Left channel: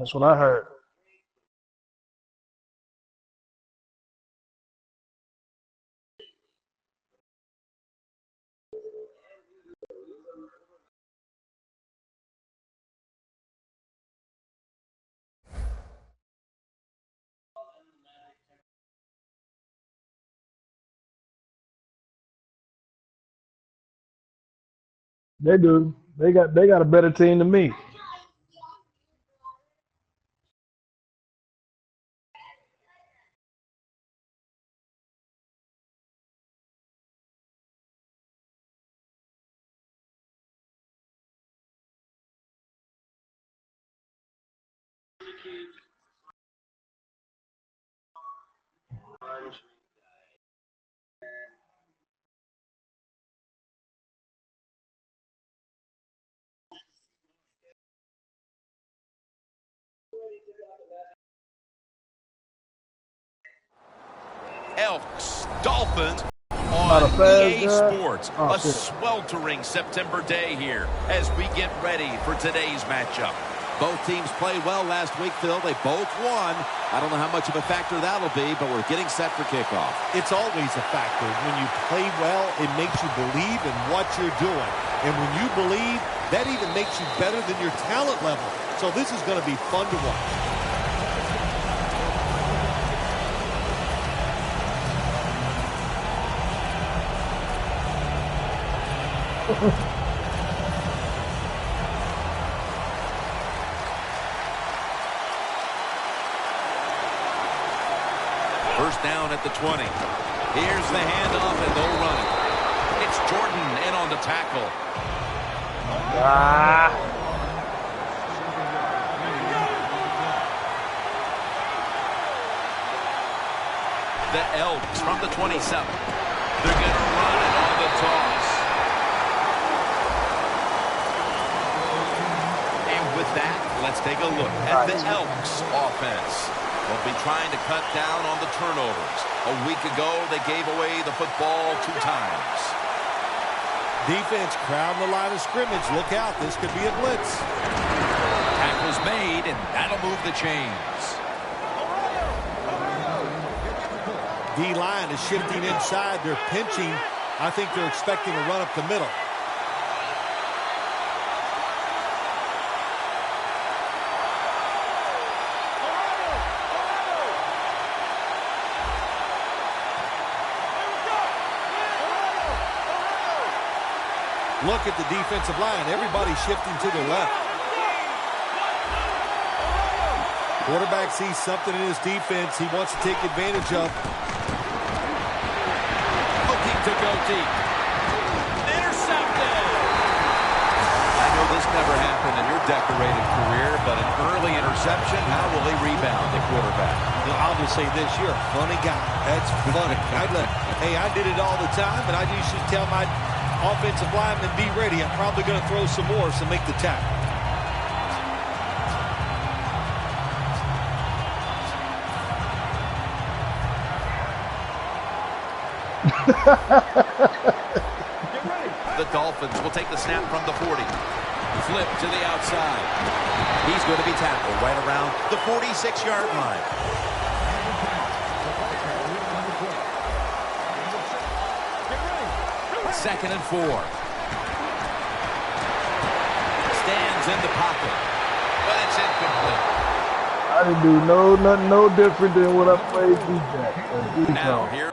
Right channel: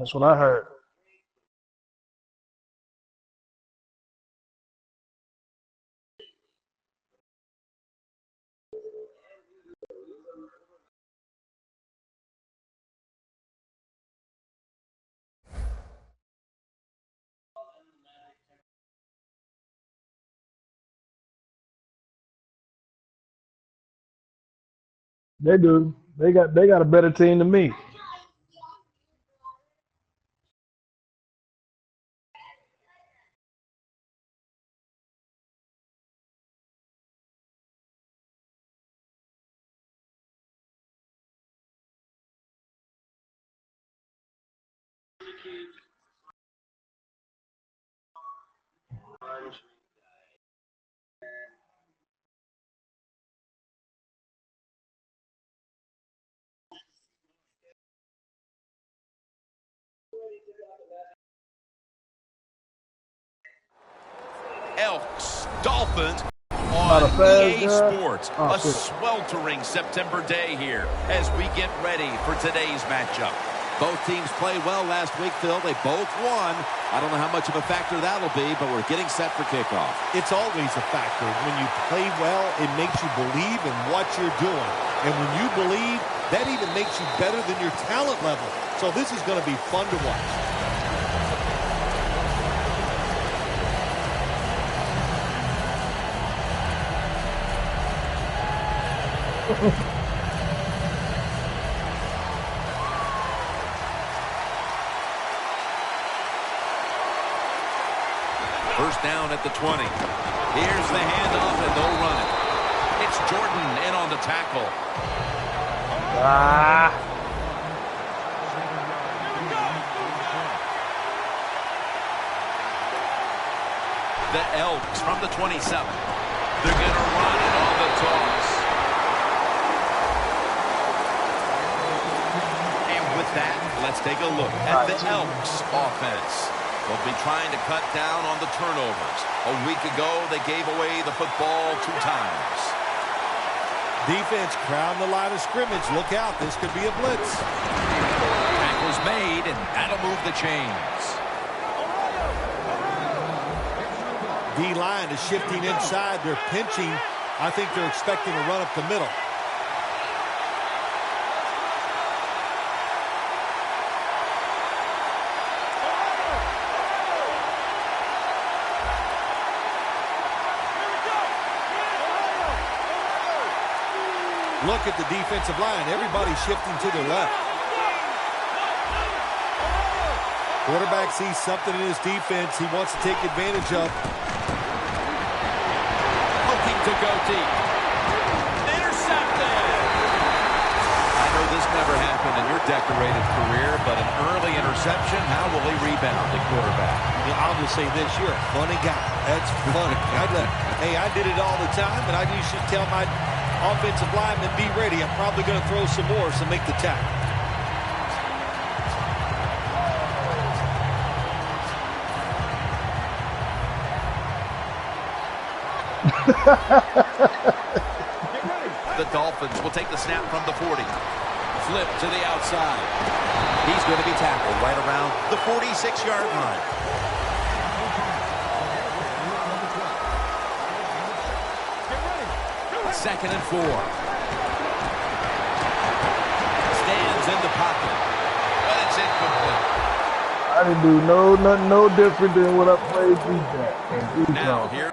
That's what I heard. They do. They got a better team than me. Elks, Dolphins on EA Sports. A sweltering September day here as we get ready for today's matchup. Both teams played well last week, Phil. They both won. I don't know how much of a factor that'll be, but we're getting set for kickoff. It's always a factor. When you play well, it makes you believe in what you're doing. And when you believe, that even makes you better than your talent level. So this is going to be fun to watch. First down at the 20. Here's the handoff, and they'll run it. It's Jordan in on the tackle. The Elks from the 27. They're going to run it on the toss. And with that, let's take a look at the Elks offense. They'll be trying to cut down on the turnovers. A week ago, they gave away the football 2 times. Defense crowding the line of scrimmage. Look out, this could be a blitz. Tackle's made, and that'll move the chains. D-line is shifting inside. They're pinching. I think they're expecting a run up the middle. Look at the defensive line. Everybody's shifting to their left. Quarterback sees something in his defense he wants to take advantage of. Looking to go deep. Intercepted. I know this never happened in your decorated career, but an early interception, how will he rebound the quarterback? You know, I'll just say this, you're a funny guy. That's funny. Hey, I did it all the time, and I used to tell my offensive lineman, be ready. I'm probably going to throw some more, so make the tackle. The Dolphins will take the snap from the 40. Flip to the outside. He's going to be tackled right around the 46-yard line. Second and 4. Stands in the pocket, but it's incomplete. I didn't do nothing no different than what I played defense. Now here.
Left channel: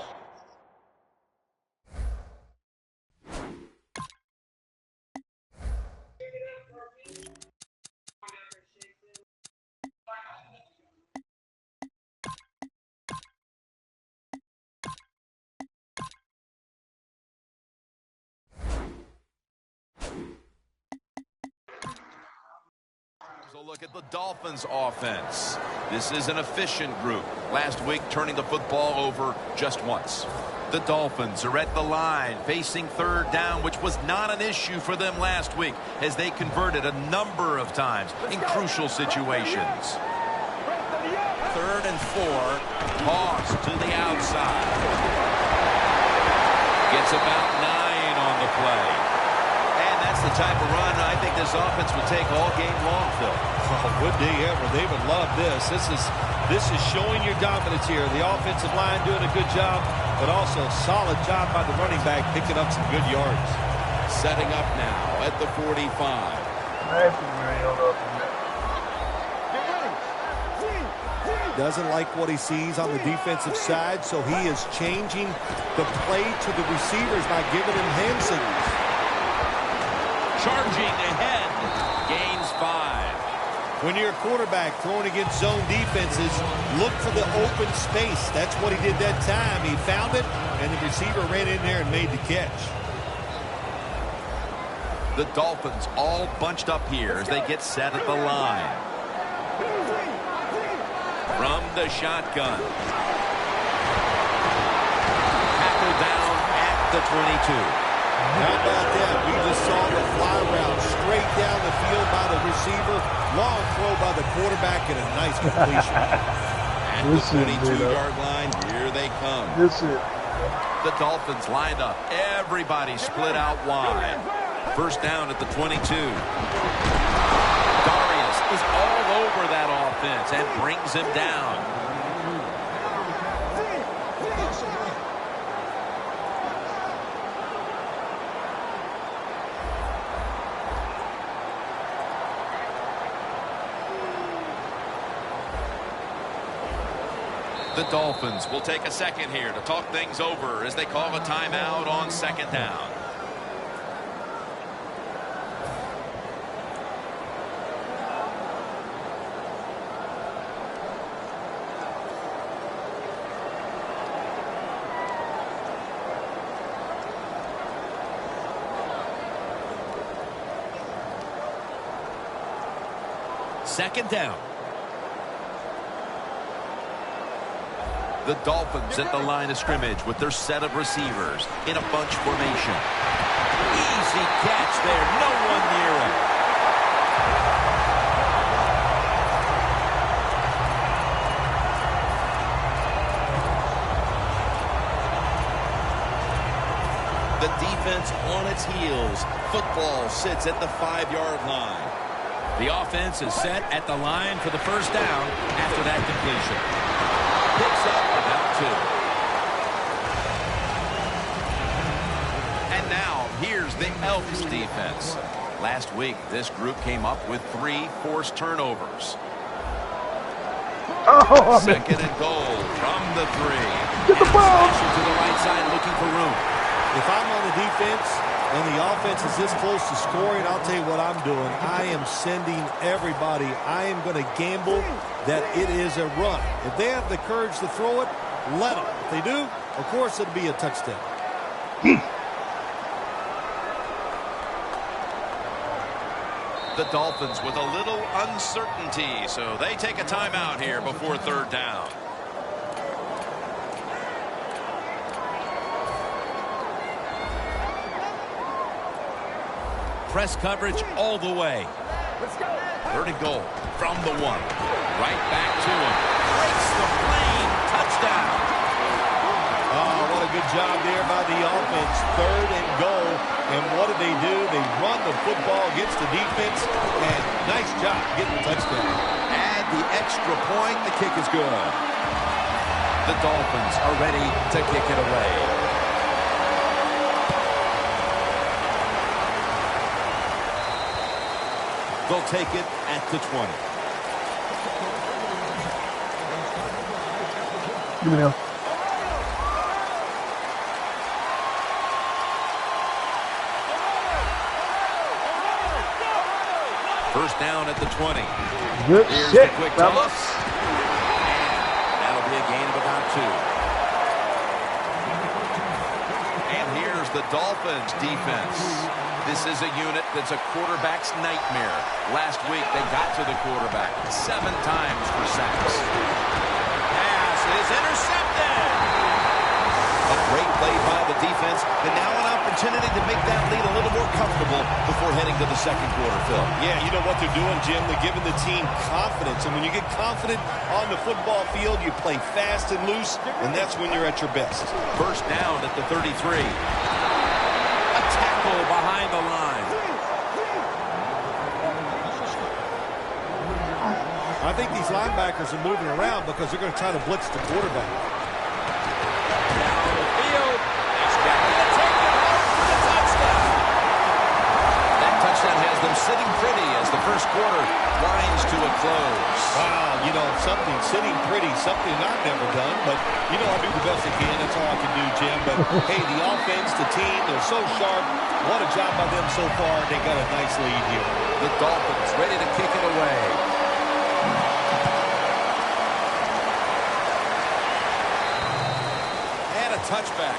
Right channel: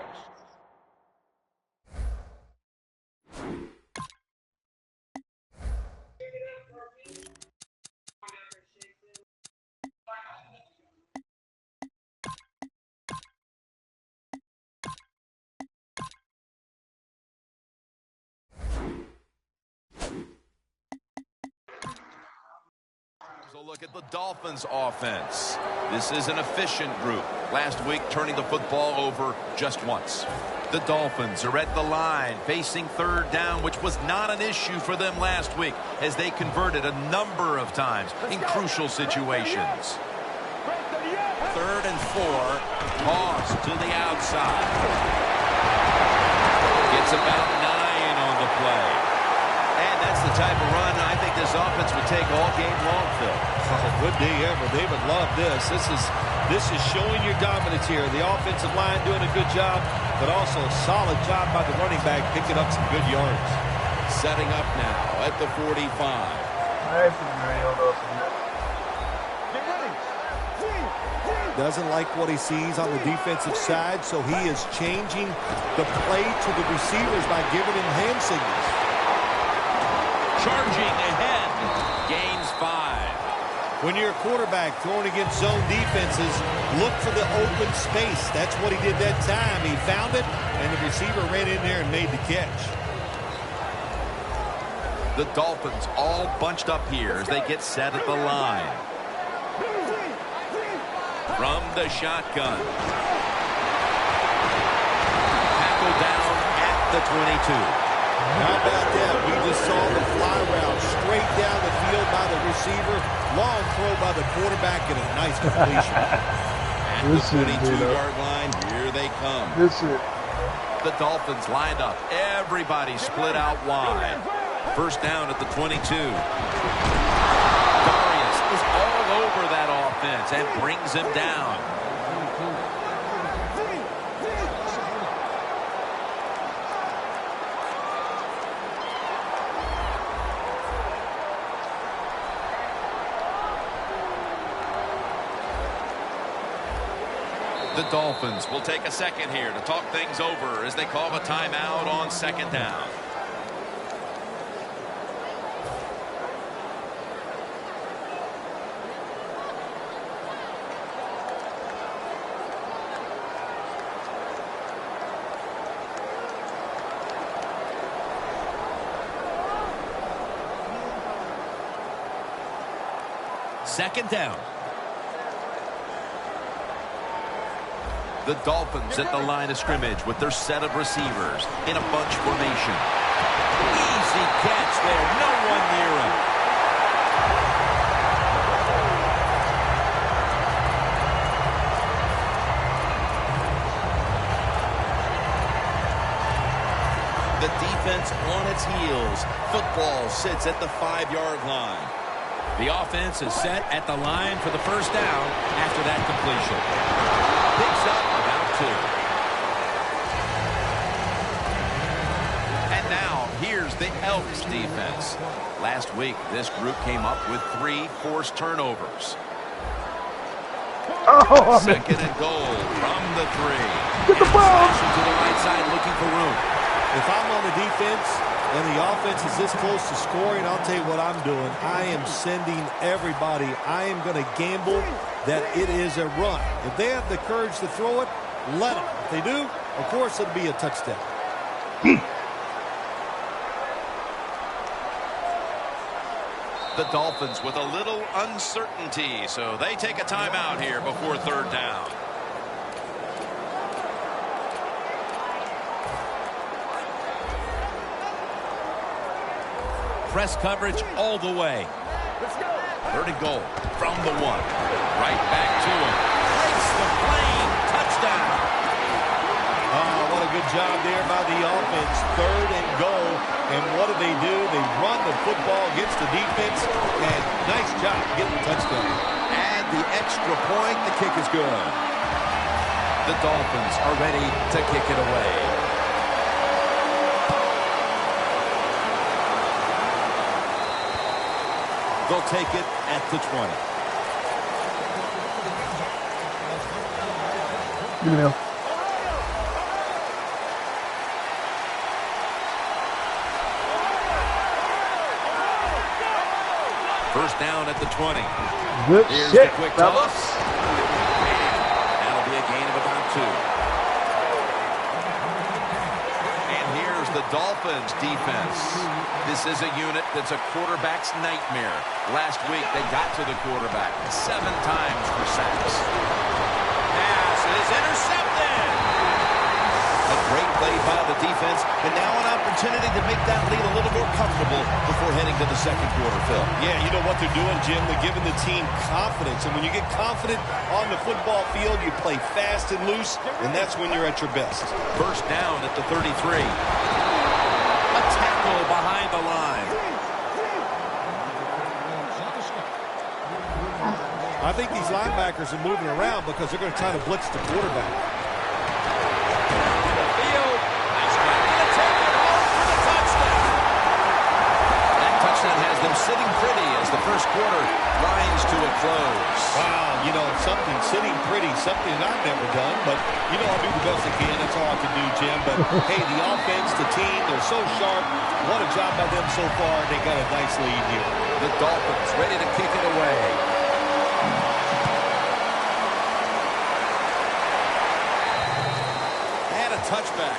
Look at the Dolphins offense. This is an efficient group. Last week, turning the football over just once. The Dolphins are at the line, facing third down, which was not an issue for them last week, as they converted a number of times in crucial situations. Third and 4, toss to the outside. Gets about 9 on the play. And that's the type of run I think this offense would take all game long, Phil. Oh, would they ever? They would love this. This is showing your dominance here. The offensive line doing a good job, but also a solid job by the running back picking up some good yards. Setting up now at the 45. Doesn't like what he sees on the defensive side, so he is changing the play to the receivers by giving him hand signals. Charging ahead. Gains 5. When you're a quarterback throwing against zone defenses, look for the open space. That's what he did that time. He found it, and the receiver ran in there and made the catch. The Dolphins all bunched up here as they get set at the line. From the shotgun. Tackled down at the 22. How about that? We just saw the fly route straight down the field by the receiver. Long throw by the quarterback and a nice completion. At the 22-yard line, here they come. The Dolphins lined up. Everybody split out wide. First down at the 22. Darius is all over that offense and brings him down. The Dolphins will take a second here to talk things over as they call a timeout on second down. Second down. The Dolphins at the line of scrimmage with their set of receivers in a bunch formation. Easy catch there. No one near him. The defense on its heels. Football sits at the 5-yard line. The offense is set at the line for the first down after that completion. Picks up about 2. And now, here's the Elks defense. Last week, this group came up with 3 forced turnovers. Second and goal from the 3. Get the ball! To the right side, looking for room. If I'm on the defense and the offense is this close to scoring, I'll tell you what I'm doing. I am sending everybody. I am going to gamble that it is a run. If they have the courage to throw it, let them. If they do, of course it'll be a touchdown. The Dolphins with a little uncertainty, so they take a timeout here before third down. Press coverage all the way. Third and goal from the 1. Right back to him. Breaks the plane. Touchdown. Oh, what a good job there by the offense. Third and goal. And what do? They run the football against the defense. And nice job getting the touchdown. Add the extra point. The kick is good. The Dolphins are ready to kick it away. They'll take it at the 20. Give me now. First down at the 20. Good Here's shit, the quick fellas. toss. And that'll be a gain of about 2. And here's the Dolphins defense. This is a unit that's a quarterback's nightmare. Last week, they got to the quarterback 7 times for sacks. Pass is intercepted. A great play by the defense, and now an opportunity to make that lead a little more comfortable before heading to the second quarter, Phil. Yeah, you know what they're doing, Jim? They're giving the team confidence, and when you get confident on the football field, you play fast and loose, and that's when you're at your best. First down at the 33. A tackle tackle behind the line. I think these linebackers are moving around because they're going to try to blitz the quarterback. Down the field. Nice catch. Going to take it home for the touchdown. That touchdown has them sitting pretty as the first quarter winds to a close. Wow, you know, something sitting pretty, something I've never done, but, you know, I do the best I can. That's all I can do, Jim. But, hey, the offense, the team, they're so sharp. What a job by them so far. They got a nice lead here. The Dolphins ready to kick it away. And a touchback.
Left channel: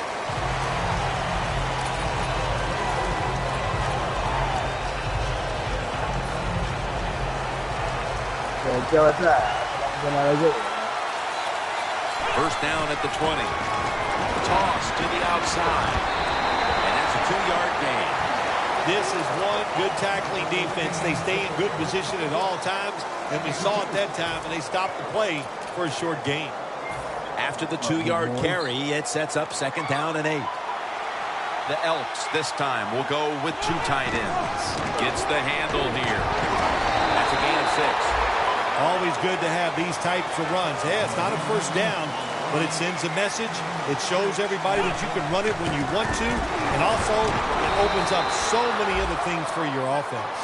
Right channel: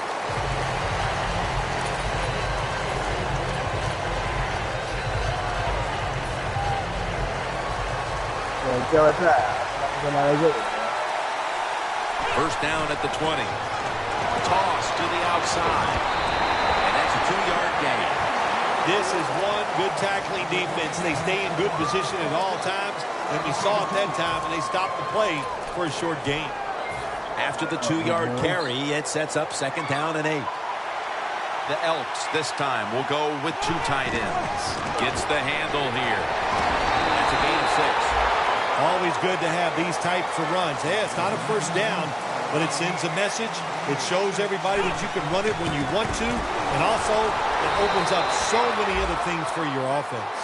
First down at the 20. Toss to the outside. And that's a 2-yard gain. This is one good tackling defense. They stay in good position at all times, and we saw it that time, and they stopped the play for a short gain. After the 2-yard carry, it sets up second down and 8. The Elks this time will go with 2 tight ends. Gets the handle here. That's a gain of 6. Always good to have these types of runs. Hey, it's not a first down, but it sends a message. It shows everybody that you can run it when you want to, and also it opens up so many other things for your offense.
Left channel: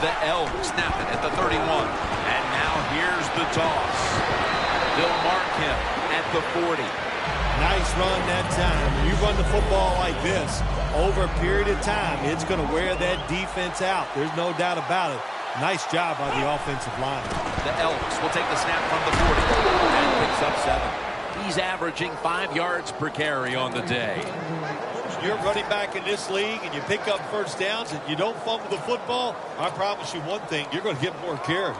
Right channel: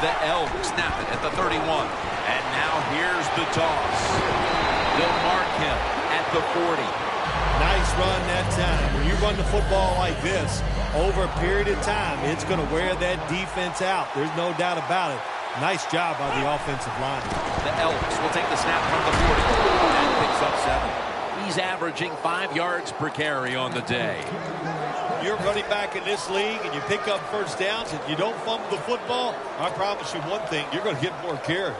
The Elks snap it at the 31. And now here's the toss. They'll mark him at the 40. Nice run that time. When you run the football like this, over a period of time, it's going to wear that defense out. There's no doubt about it. Nice job by the offensive line. The Elks will take the snap from the 40. And picks up 7. He's averaging 5 yards per carry on the day. You're running back in this league and you pick up first downs and you don't fumble the football, I promise you one thing, you're going to get more carries.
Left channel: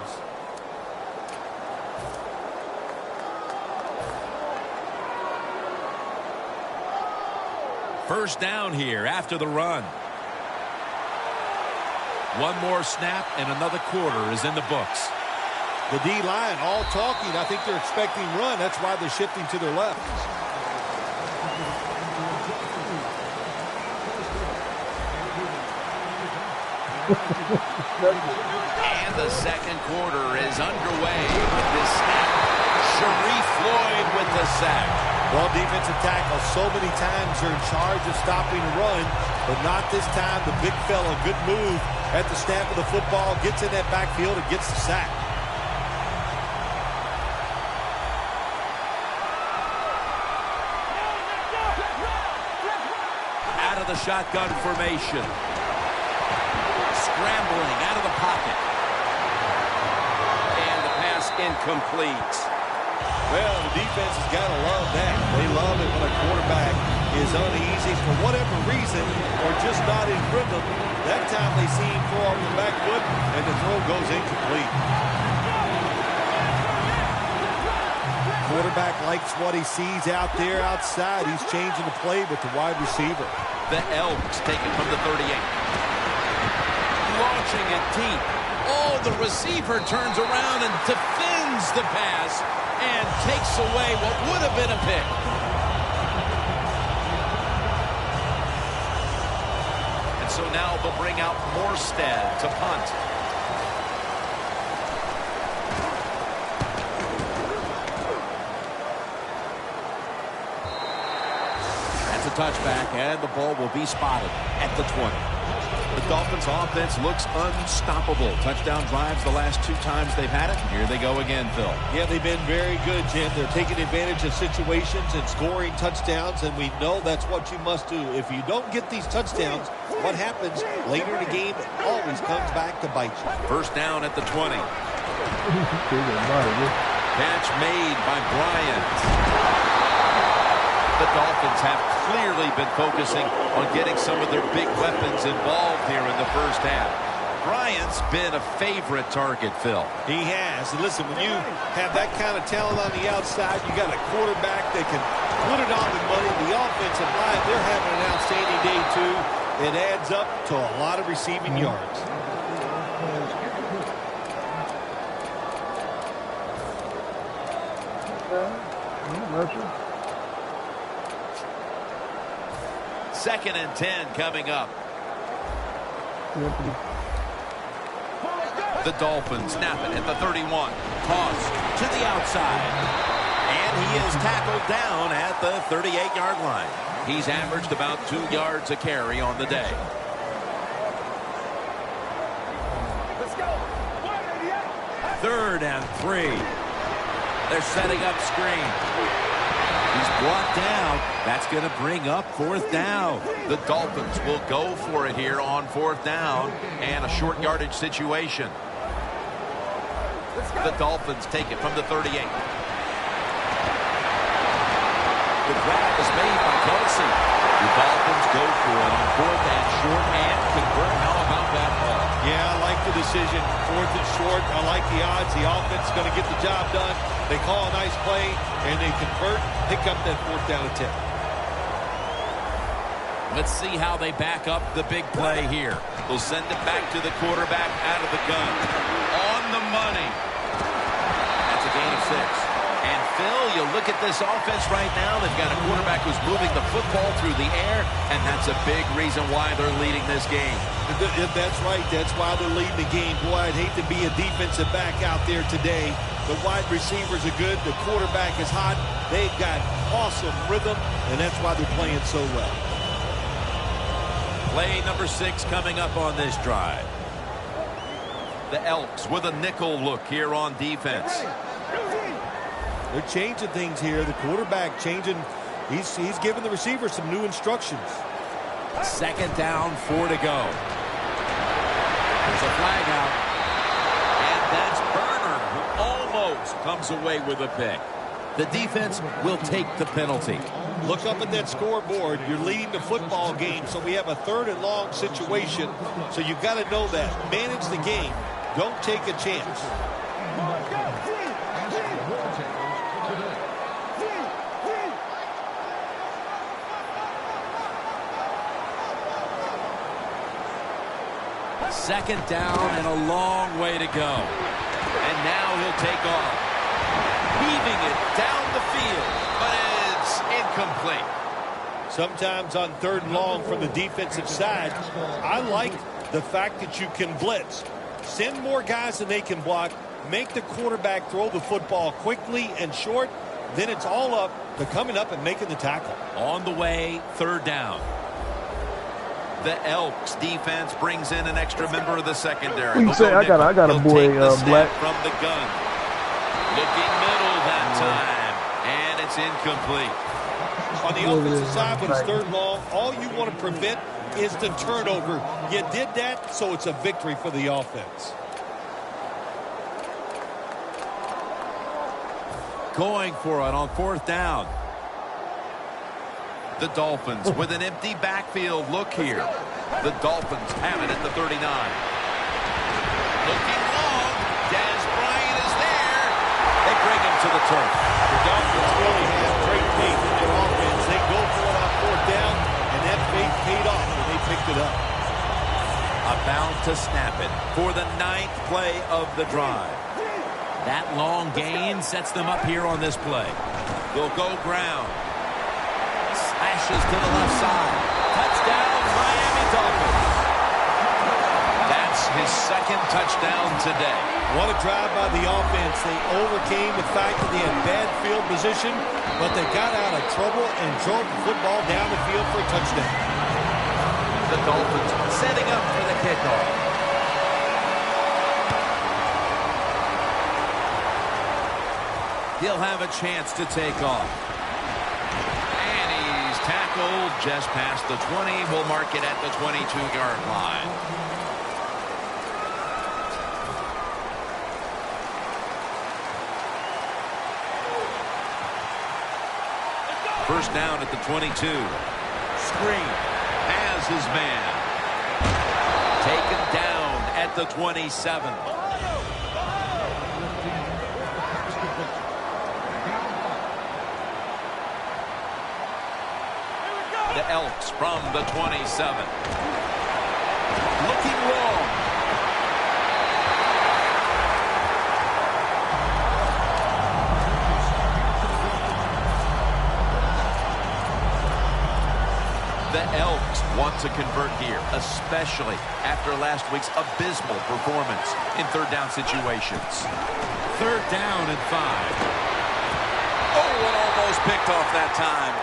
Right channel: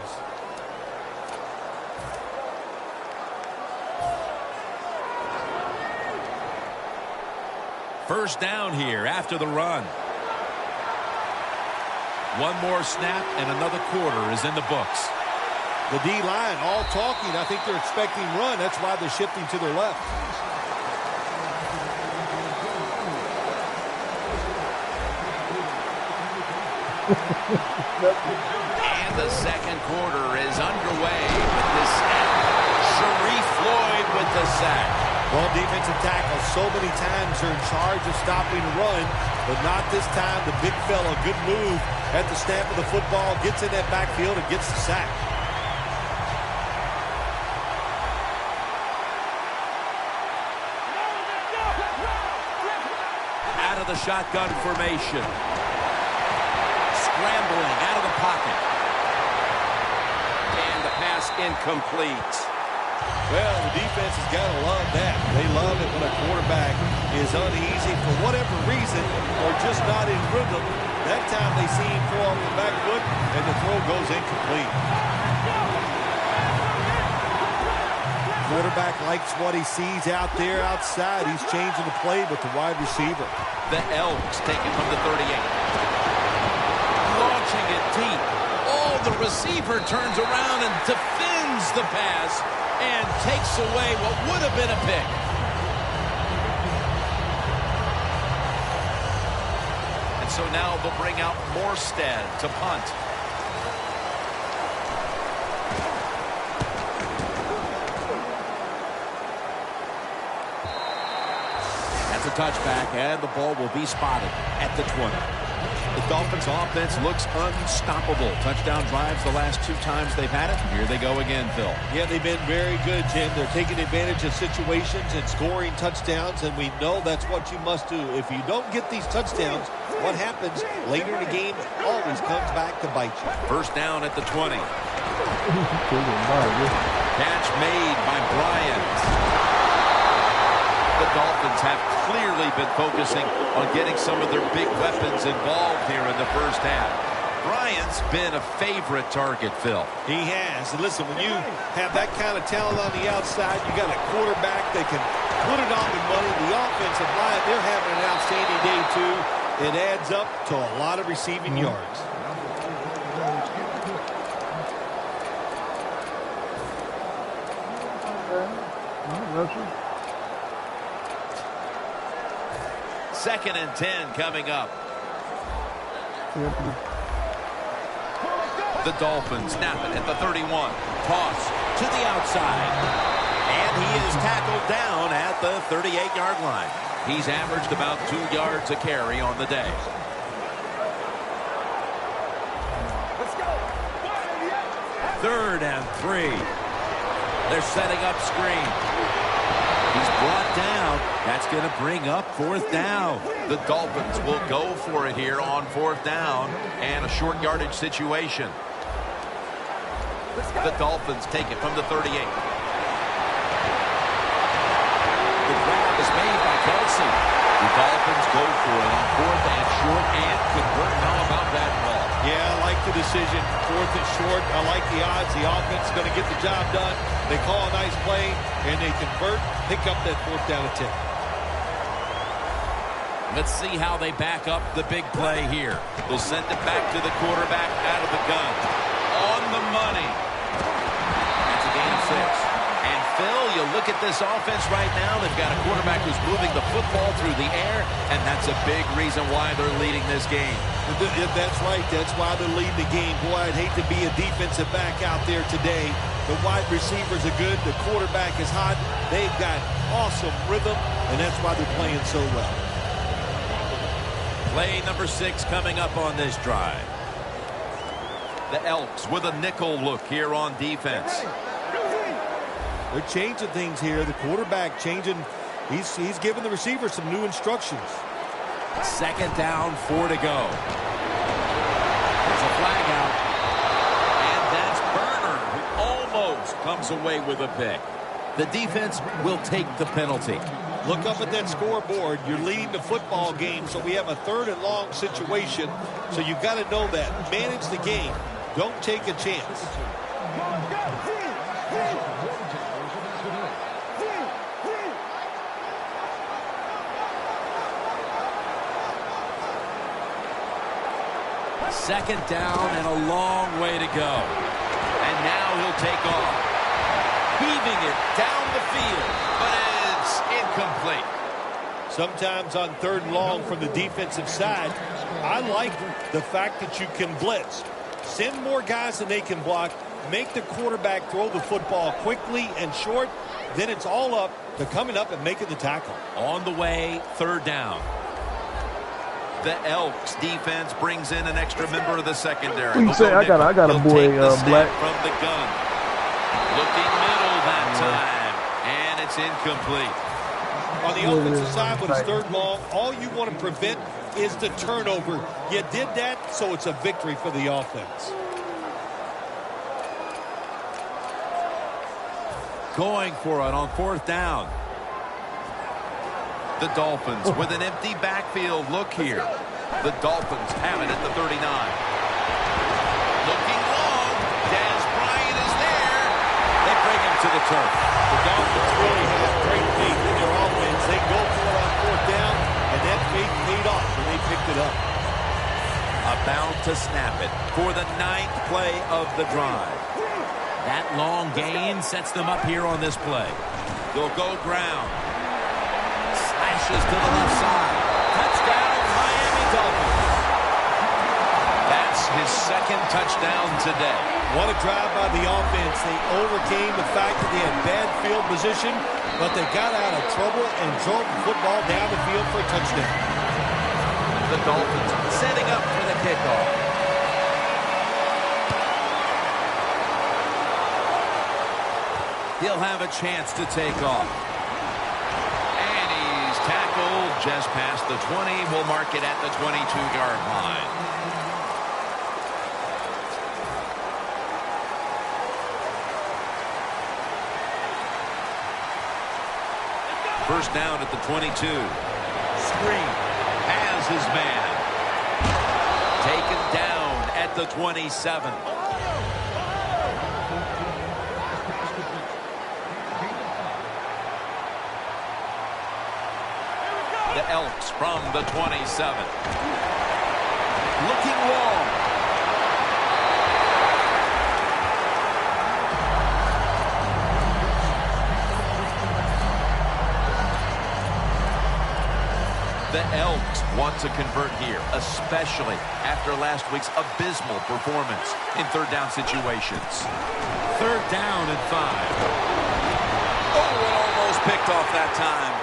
First down here after the run. One more snap and another quarter is in the books. The D-line all talking. I think they're expecting run. That's why they're shifting to their left. And the second quarter is underway with this snap. Sharif Floyd with the sack. Well, defensive tackles so many times are in charge of stopping the run, but not this time. The big fella, good move at the snap of the football, gets in that backfield and gets the sack. Out of the shotgun formation. Scrambling out of the pocket. And the pass incomplete. Well, the defense has got to love that. They love it when a quarterback is uneasy for whatever reason or just not in rhythm. That time they see him throw off the back foot and the throw goes incomplete. Quarterback likes what he sees out there outside. He's changing the play with the wide receiver. The Elks take it from the 38. Launching it deep. Oh, the receiver turns around and defends the pass and takes away what would have been a pick. And so now they'll bring out Morstead to punt. That's a touchback, and the ball will be spotted at the 20. The Dolphins offense looks unstoppable. Touchdown drives the last 2 times they've had it. Here they go again, Phil. Yeah, they've been very good, Jim. They're taking advantage of situations and scoring touchdowns, and we know that's what you must do. If you don't get these touchdowns, what happens later in the game always comes back to bite you. First down at the 20. Catch made by Bryant. The Dolphins have clearly been focusing on getting some of their big weapons involved here in the first half. Bryant's been a favorite target, Phil. He has. And listen, when you have that kind of talent on the outside, you got a quarterback that can put it on the money. The offensive line, they're having an outstanding day, too. It adds up to a lot of receiving yards. Rusher. 2nd and 10 coming up. Anthony. The Dolphins snap it at the 31. Toss to the outside. And he is tackled down at the 38-yard line. He's averaged about 2 yards a carry on the day. Let's go. 3rd and 3. They're setting up screen. He's brought down. That's going to bring up 4th down. The Dolphins will go for it here on 4th down and a short yardage situation. The Dolphins take it from the 38. The grab is made by Kelsey. The Dolphins go for it on 4th and short and convert. How about that ball? Yeah, I like the decision. 4th and short. I like the odds. The offense is going to get the job done. They call a nice play, and they convert, pick up that 4th down attempt. Let's see how they back up the big play here. They'll send it back to the quarterback out of the gun. On the money. That's a gain of 6. And Phil, you look at this offense right now, they've got a quarterback who's moving the football through the air, and that's a big reason why they're leading this game. That's right. That's why they're leading the game. Boy, I'd hate to be a defensive back out there today. The wide receivers are good. The quarterback is hot. They've got awesome rhythm, and that's why they're playing so well. Play number 6 coming up on this drive. The Elks with a nickel look here on defense. They're changing things here. The quarterback changing. He's giving the receiver some new instructions. 2nd down, 4 to go. There's a flag out. And that's Burner, who almost comes away with a pick. The defense will take the penalty. Look up at that scoreboard. You're leading the football game, so we have a 3rd and long situation. So you got to know that. Manage the game. Don't take a chance. Second down and a long way to go. And now he'll take off. Heaving it down the field, but it's incomplete. Sometimes on 3rd and long from the defensive side, I like the fact that you can blitz. Send more guys than they can block. Make the quarterback throw the football quickly and short. Then it's all up to coming up and making the tackle. On the way, 3rd down. The Elks defense brings in an extra member of the secondary. You say I got a boy black from the gun. Looking middle that time, and it's incomplete. On the offensive side, when it's 3rd and long, all you want to prevent is the turnover. You did that, so it's a victory for the offense. Going for it on 4th down. The Dolphins with an empty backfield look here. The Dolphins have it at the 39. Looking long. Dez Bryant is there. They bring him to the turf. The Dolphins really have great faith in their offense. They go for it on 4th down, and that faith paid off when they picked it up. About to snap it for the 9th play of the drive. That long gain sets them up here on this play. They'll go ground. Slashes to the left side. Touchdown, Miami Dolphins. That's his 2nd touchdown today. What a drive by the offense. They overcame the fact that they had bad field position, but they got out of trouble and drove the football down the field for a touchdown. The Dolphins setting up for the kickoff. He'll have a chance to take off. And he's tackled just past the 20. We'll mark it at the 22-yard line. First down at the 22. Screen has his man. Taken down at the 27. The Elks from the 27. Looking long. The Elks want to convert here, especially after last week's abysmal performance in third down situations. Third down and 5. Oh, and almost picked off that time.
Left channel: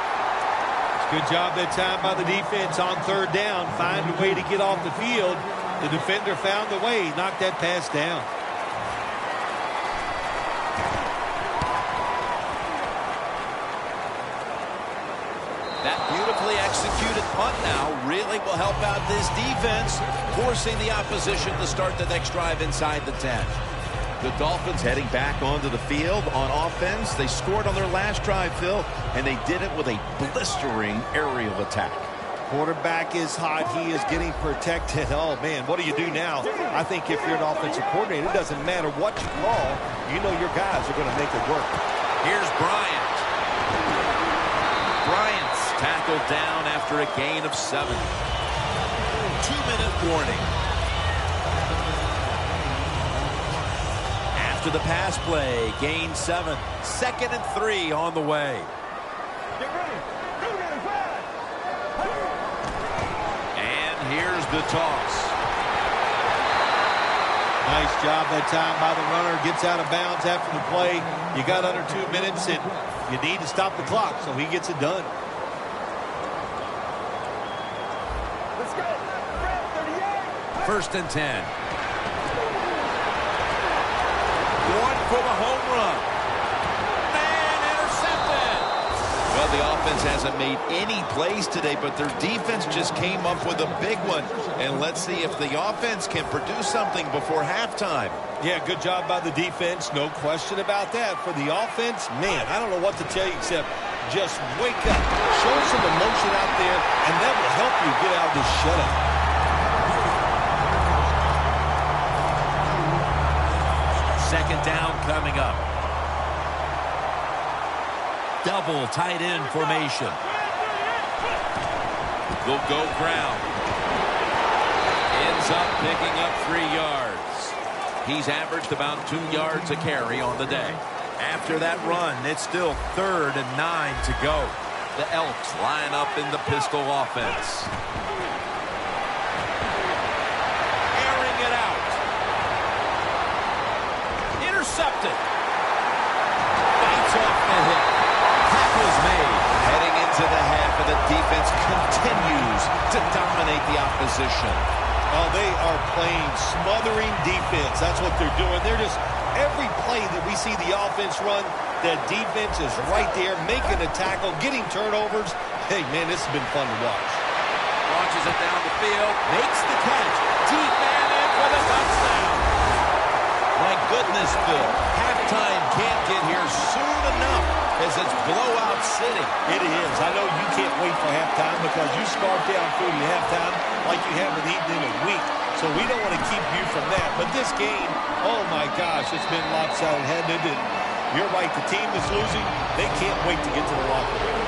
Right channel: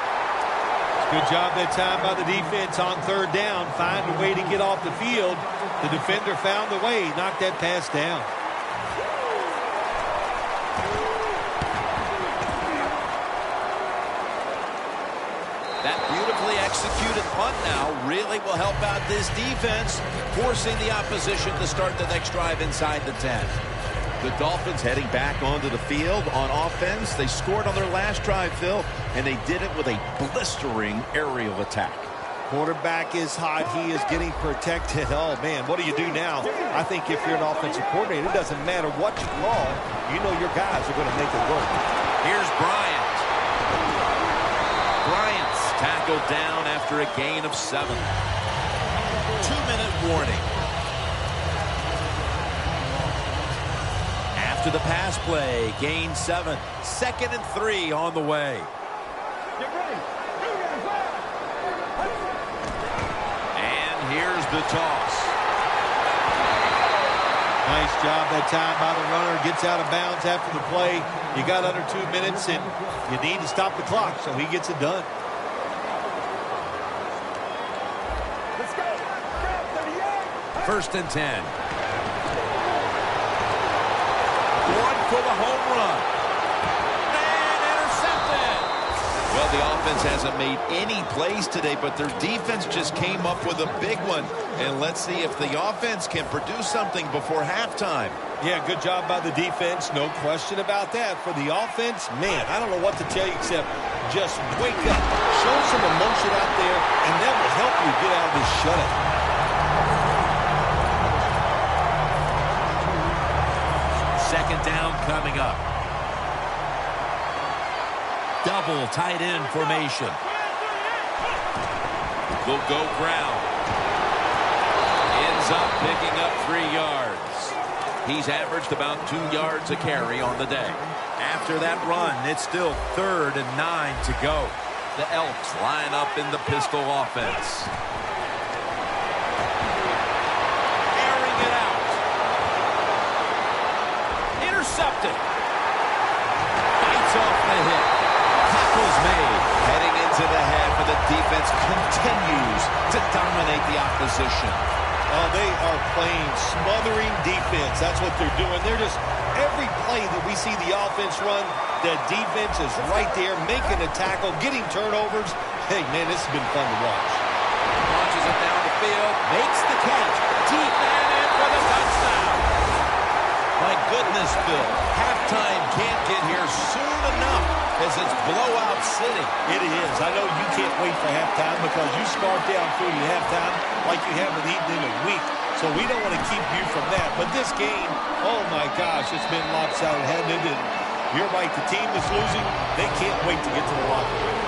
Good job that time by the defense on third down. Find a way to get off the field. The defender found the way, knocked that pass down. That beautifully executed punt now really will help out this defense, forcing the opposition to start the next drive inside the 10. The Dolphins heading back onto the field on offense. They scored on their last drive, Phil, and they did it with a blistering aerial attack. Quarterback is hot. He is getting protected. Oh, man, what do you do now? I think if you're an offensive coordinator, it doesn't matter what you call. You know your guys are going to make it work. Here's Bryant. Bryant's tackled down after a gain of 7. 2-minute warning. After the pass play, gain 7. 2nd and 3 on the way. Get ready. And here's the toss. Nice job that time by the runner. Gets out of bounds after the play. You got under 2 minutes, and you need to stop the clock, so he gets it done. Let's go. Grab 38. 1st and 10. Going for the home run. And intercepted. Well, the offense hasn't made any plays today, but their defense just came up with a big one. And let's see if the offense can produce something before halftime. Yeah, good job by the defense. No question about that. For the offense, man, I don't know what to tell you except just wake up. Show some emotion out there, and that will help you get out of this shutout. Second down coming up. Double tight end formation. They'll go ground. Ends up picking up 3 yards. He's averaged about 2 yards a carry on the day. After that run, it's still 3rd and 9 to go. The Elks line up in the pistol offense. Airing it out. Intercepted. Bites off the hit. Tackle's made. Heading into the half, and the defense continues to dominate the opposition. Oh, they are playing smothering defense. That's what they're doing. They're just, every play that we see the offense run, the defense is right there making a tackle, getting turnovers. Hey, man, this has been fun to watch. Launches it down the field, makes the catch. Deep man in for the touchdown. My goodness, Phil. Halftime can't get here soon enough as it's blowout city. It is. I know you can't wait for halftime because you scarf down food at halftime like you haven't eaten in a week. So we don't want to keep you from that. But this game, oh my gosh, it's been lopsided, hasn't it? And you're right, the team that's losing, they can't wait to get to the locker room.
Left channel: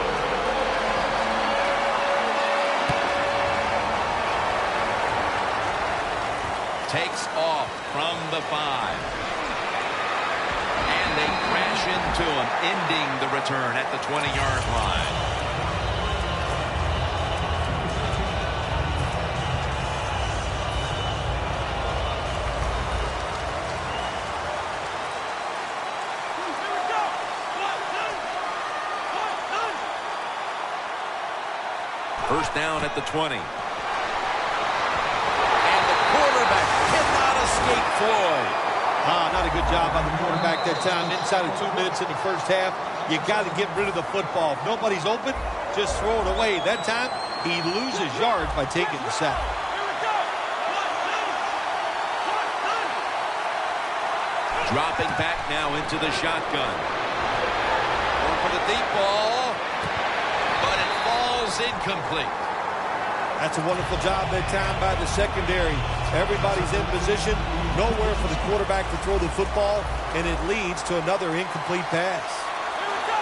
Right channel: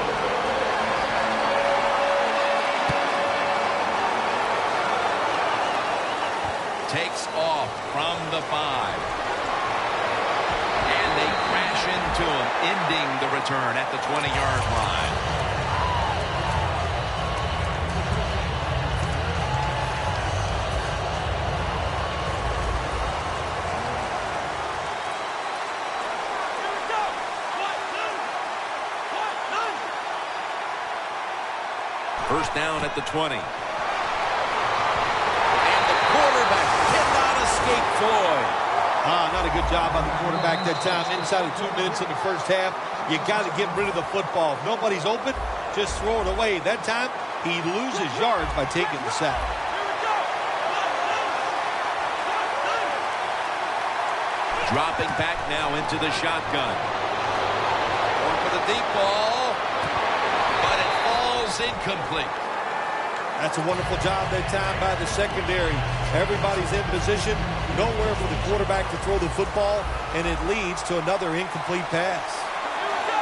Takes off from the 5. And they crash into him, ending the return at the 20-yard line. Here we go. 1, 2, 1, 9. 1st down at the 20. Quarterback cannot escape Floyd. Not a good job on the quarterback that time. Inside of 2 minutes in the first half, you got to get rid of the football. If nobody's open, just throw it away. That time, he loses yards by taking the sack. Here we go. 1, 2. Dropping back now into the shotgun. Going for the deep ball, but it falls incomplete. That's a wonderful job that time by the secondary. Everybody's in position. Nowhere for the quarterback to throw the football, and it leads to another incomplete pass. Here we go.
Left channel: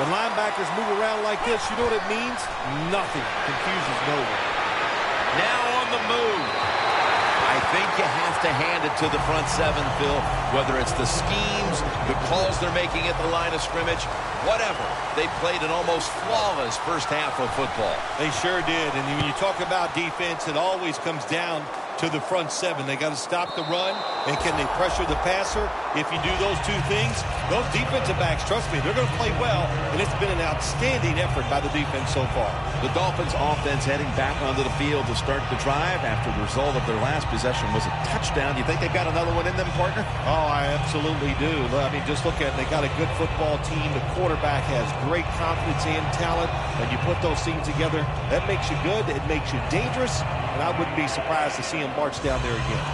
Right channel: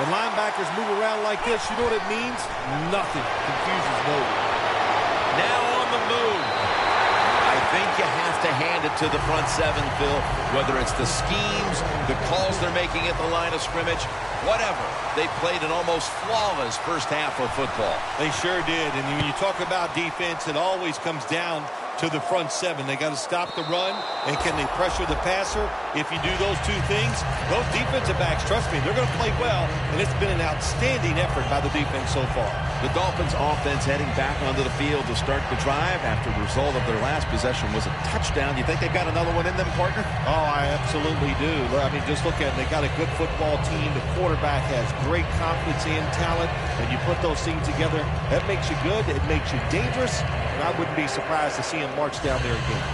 When linebackers move around like this, you know what it means? Nothing. Confusion's nowhere. Now on the move. I think you have to hand it to the front seven, Phil, whether it's the schemes, the calls they're making at the line of scrimmage, whatever. They played an almost flawless first half of football. They sure did. And when you talk about defense, it always comes down to the front seven. They got to stop the run, and can they pressure the passer? If you do those two things, those defensive backs, trust me, they're going to play well, and it's been an outstanding effort by the defense so far. The Dolphins offense heading back onto the field to start the drive after the result of their last possession was a touchdown. You think they've got another one in them, partner? Oh, I absolutely do. I mean, just look at it. They got a good football team. The quarterback has great confidence and talent, and you put those things together, that makes you good. It makes you dangerous, and I wouldn't be surprised to see him march down there again.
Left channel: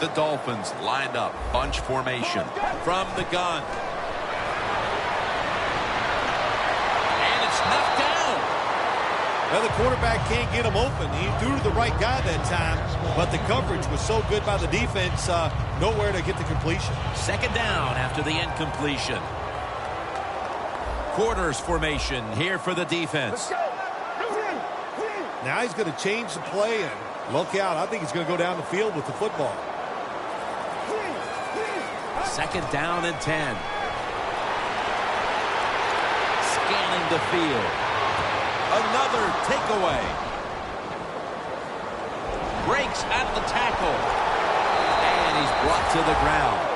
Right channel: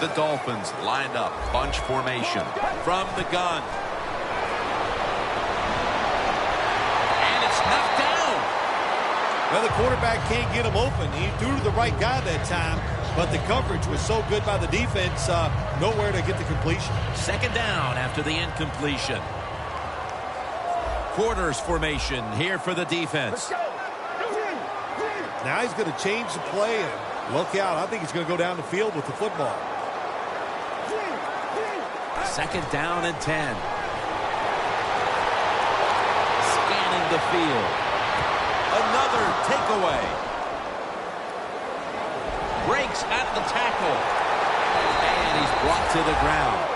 The Dolphins lined up, bunch formation from the gun. And it's knocked down. Well, the quarterback can't get him open. He threw to the right guy that time, but the coverage was so good by the defense, nowhere to get the completion. Second down after the incompletion. Quarters formation here for the defense. Now he's going to change the play, and look out. I think he's going to go down the field with the football. Second down and 10. Scanning the field. Another takeaway. Breaks out of the tackle. And he's brought to the ground.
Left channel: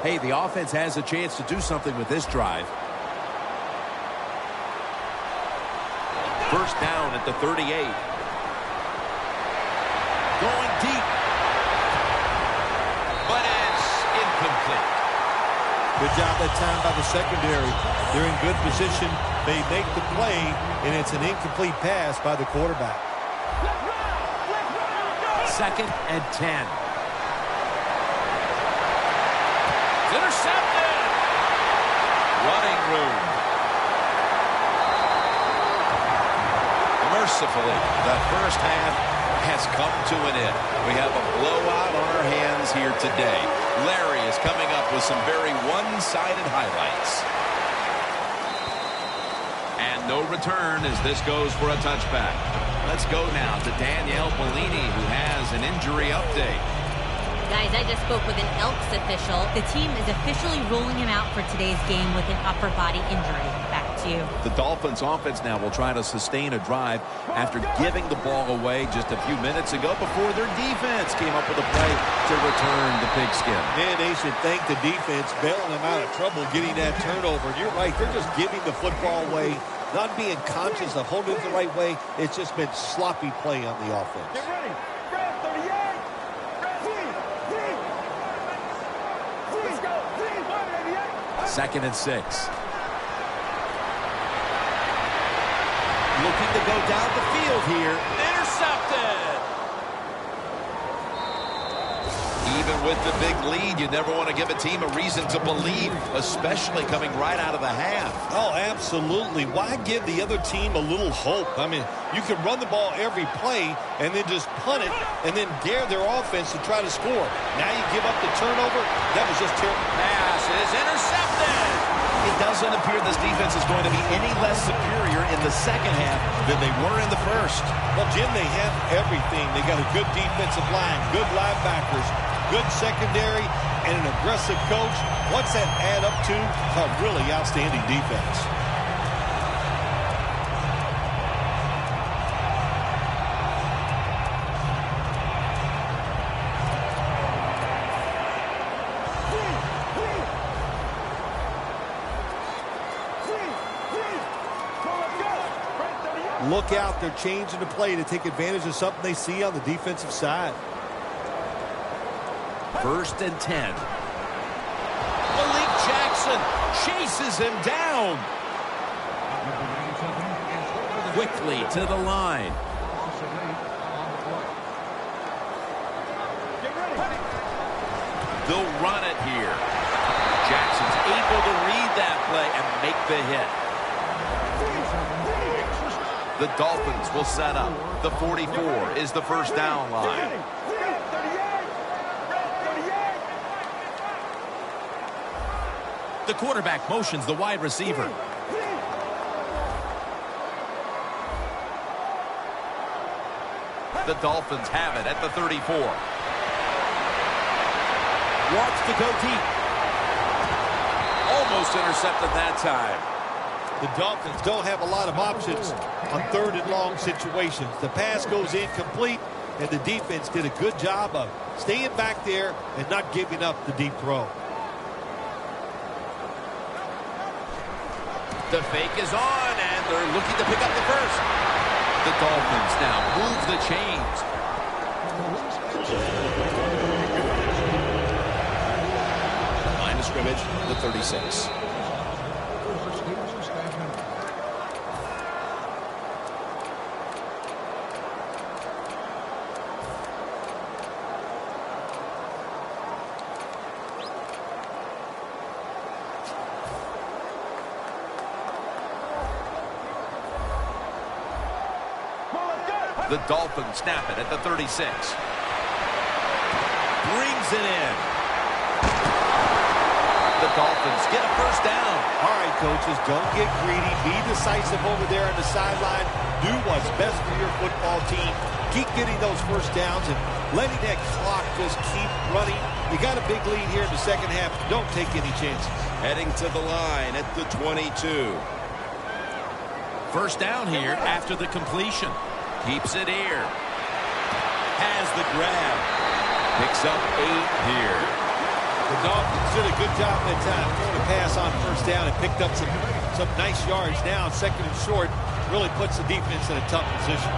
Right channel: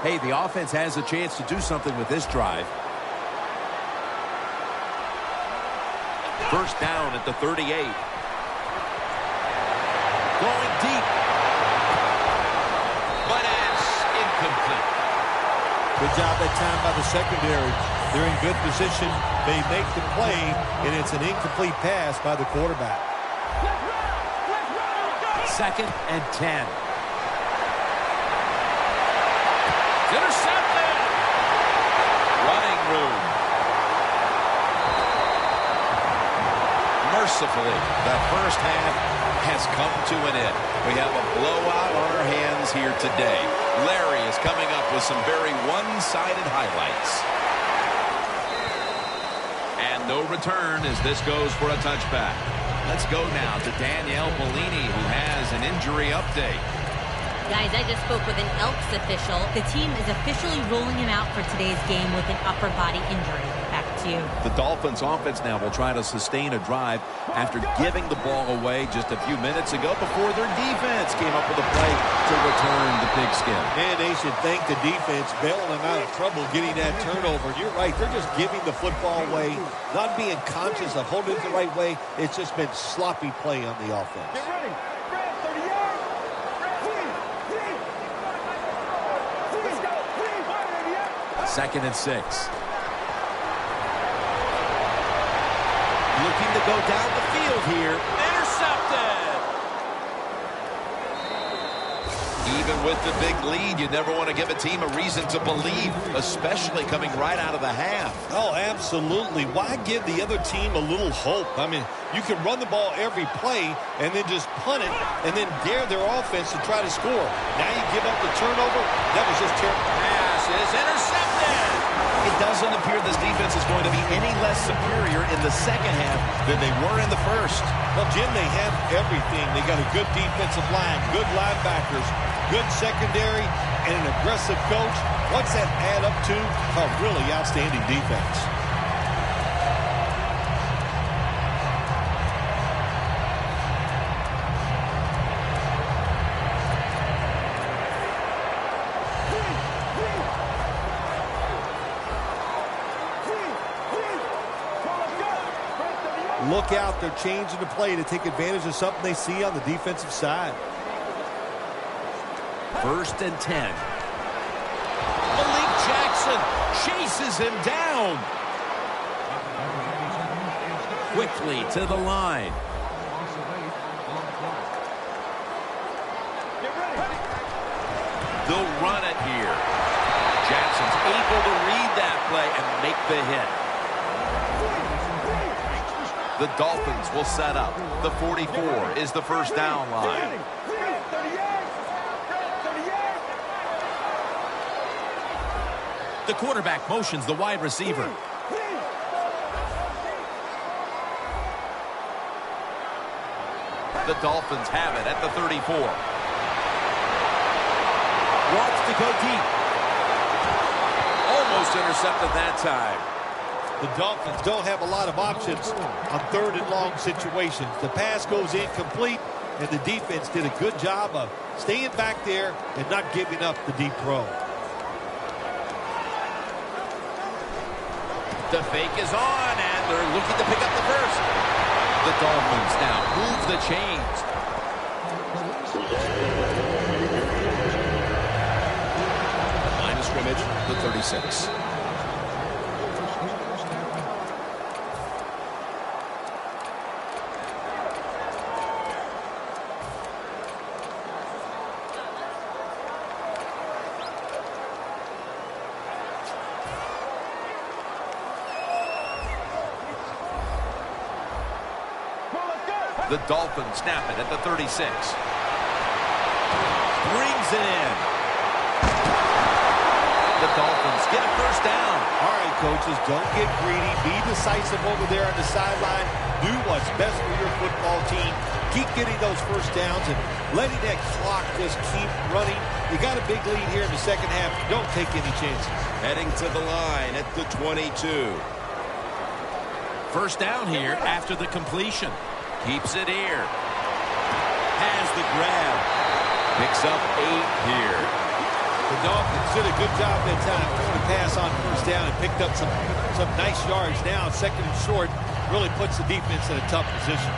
Hey, the offense has a chance to do something with this drive. First down at the 38. Going deep. But it's incomplete. Good job that time by the secondary. They're in good position. They make the play, and it's an incomplete pass by the quarterback. Second and 10. Intercepted. Running room. Mercifully, the first half has come to an end. We have a blowout on our hands here today. Larry is coming up with some very one-sided highlights. And no return as this goes for a touchback. Let's go now to Danielle Bellini, who has an injury update. Guys, I just spoke with an Elks official. The team is officially ruling him out for today's game with an upper body injury. Back to you. The Dolphins offense now will try to sustain a drive after giving the ball away just a few minutes ago before their defense came up with a play to return the pigskin. Man, they should thank the defense bailing them out of trouble getting that turnover. You're right. They're just giving the football away, not being conscious of holding it the right way. It's just been sloppy play on the offense. Get ready. Red 38. Let's go. 188. Second and 6. Looking to go down the field here. Intercepted. Even with the big lead, you never want to give a team a reason to believe, especially coming right out of the half. Oh, absolutely. Why give the other team a little hope? I mean, you can run the ball every play and then just punt it and then dare their offense to try to score. Now you give up the turnover. That was just terrible. Pass is intercepted. It doesn't appear this defense is going to be any less superior in the second half than they were in the first. Well, Jim, they have everything. They got a good defensive line, good linebackers, good secondary, and an aggressive coach. What's that add up to? A really outstanding defense. Look out, they're changing the play to take advantage of something they see on the defensive side. First and 10. Malik Jackson chases him down. Quickly to the line. Get ready. They'll run it here. Jackson's able to read that play and make the hit. The Dolphins will set up. The 44 is the first down line. Red 38. Red 38. The quarterback motions the wide receiver. The Dolphins have it at the 34. Wants to go deep. Almost intercepted that time. The Dolphins don't have a lot of options on 3rd and long situations. The pass goes incomplete, and the defense did a good job of staying back there and not giving up the deep throw. The fake is on, and they're looking to pick up the first. The Dolphins now move the chains. The line of scrimmage, the 36. The Dolphins snap it at the 36. Brings it in. The Dolphins get a first down. All right, coaches, don't get greedy. Be decisive over there on the sideline. Do what's best for your football team. Keep getting those first downs and letting that clock just keep running. You got a big lead here in the second half. Don't take any chances. Heading to the line at the 22. First down here after the completion. Keeps it here. Has the grab. Picks up 8 here. The Dolphins did a good job that time throwing a pass on first down and picked up some nice yards. Now 2nd and short really puts the defense in a tough position.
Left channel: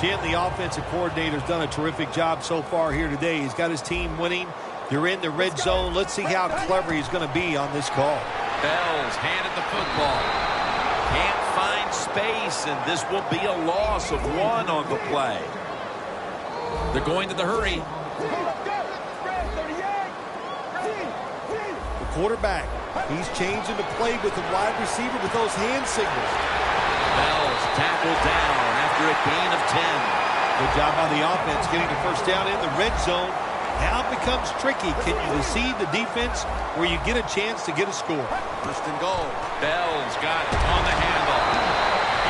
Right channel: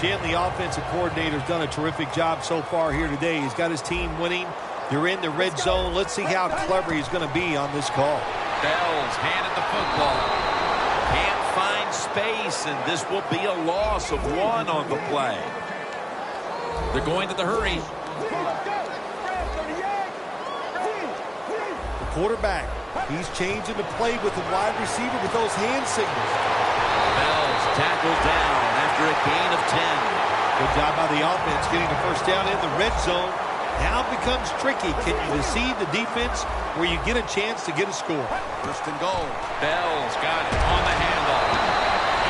Jim, the offensive coordinator, has done a terrific job so far here today. He's got his team winning. They're in the red zone. Let's see how clever he's going to be on this call. Bell's handed the football. Can't find space, and this will be a loss of 1 on the play. They're going to the hurry. Red 38. The quarterback, he's changing the play with the wide receiver with those hand signals. Bell's tackled down after a gain of 10. Good job by the offense getting the first down in the red zone. Now it becomes tricky. Can you deceive the defense where you get a chance to get a score? First and goal. Bell's got it on the handle.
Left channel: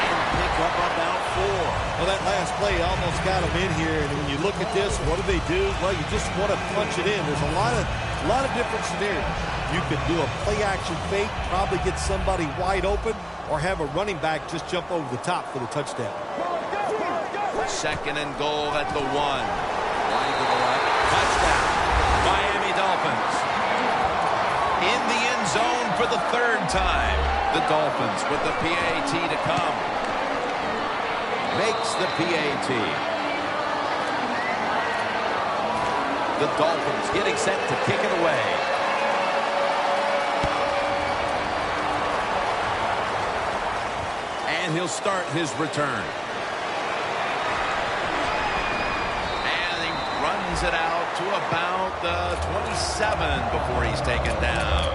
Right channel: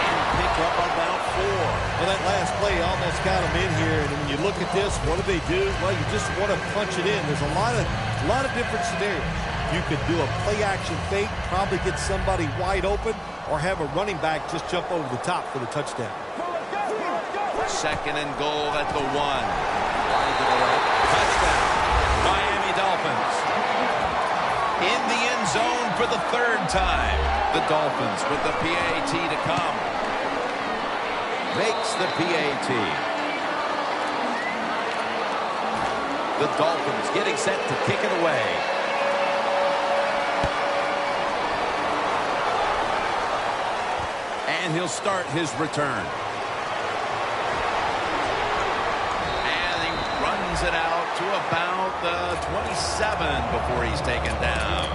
And pick up about 4. Well, that last play almost got them in here. And when you look at this, what do? Well, you just want to punch it in. There's a lot of different scenarios. You could do a play-action fake, probably get somebody wide open, or have a running back just jump over the top for the touchdown. 2nd and goal at the 1. Wide to the left. Touchdown. Miami Dolphins. In the end zone for the 3rd time. The Dolphins with the PAT to come. Makes the PAT. The Dolphins getting set to kick it away. And he'll start his return. And he runs it out to about the 27 before he's taken down.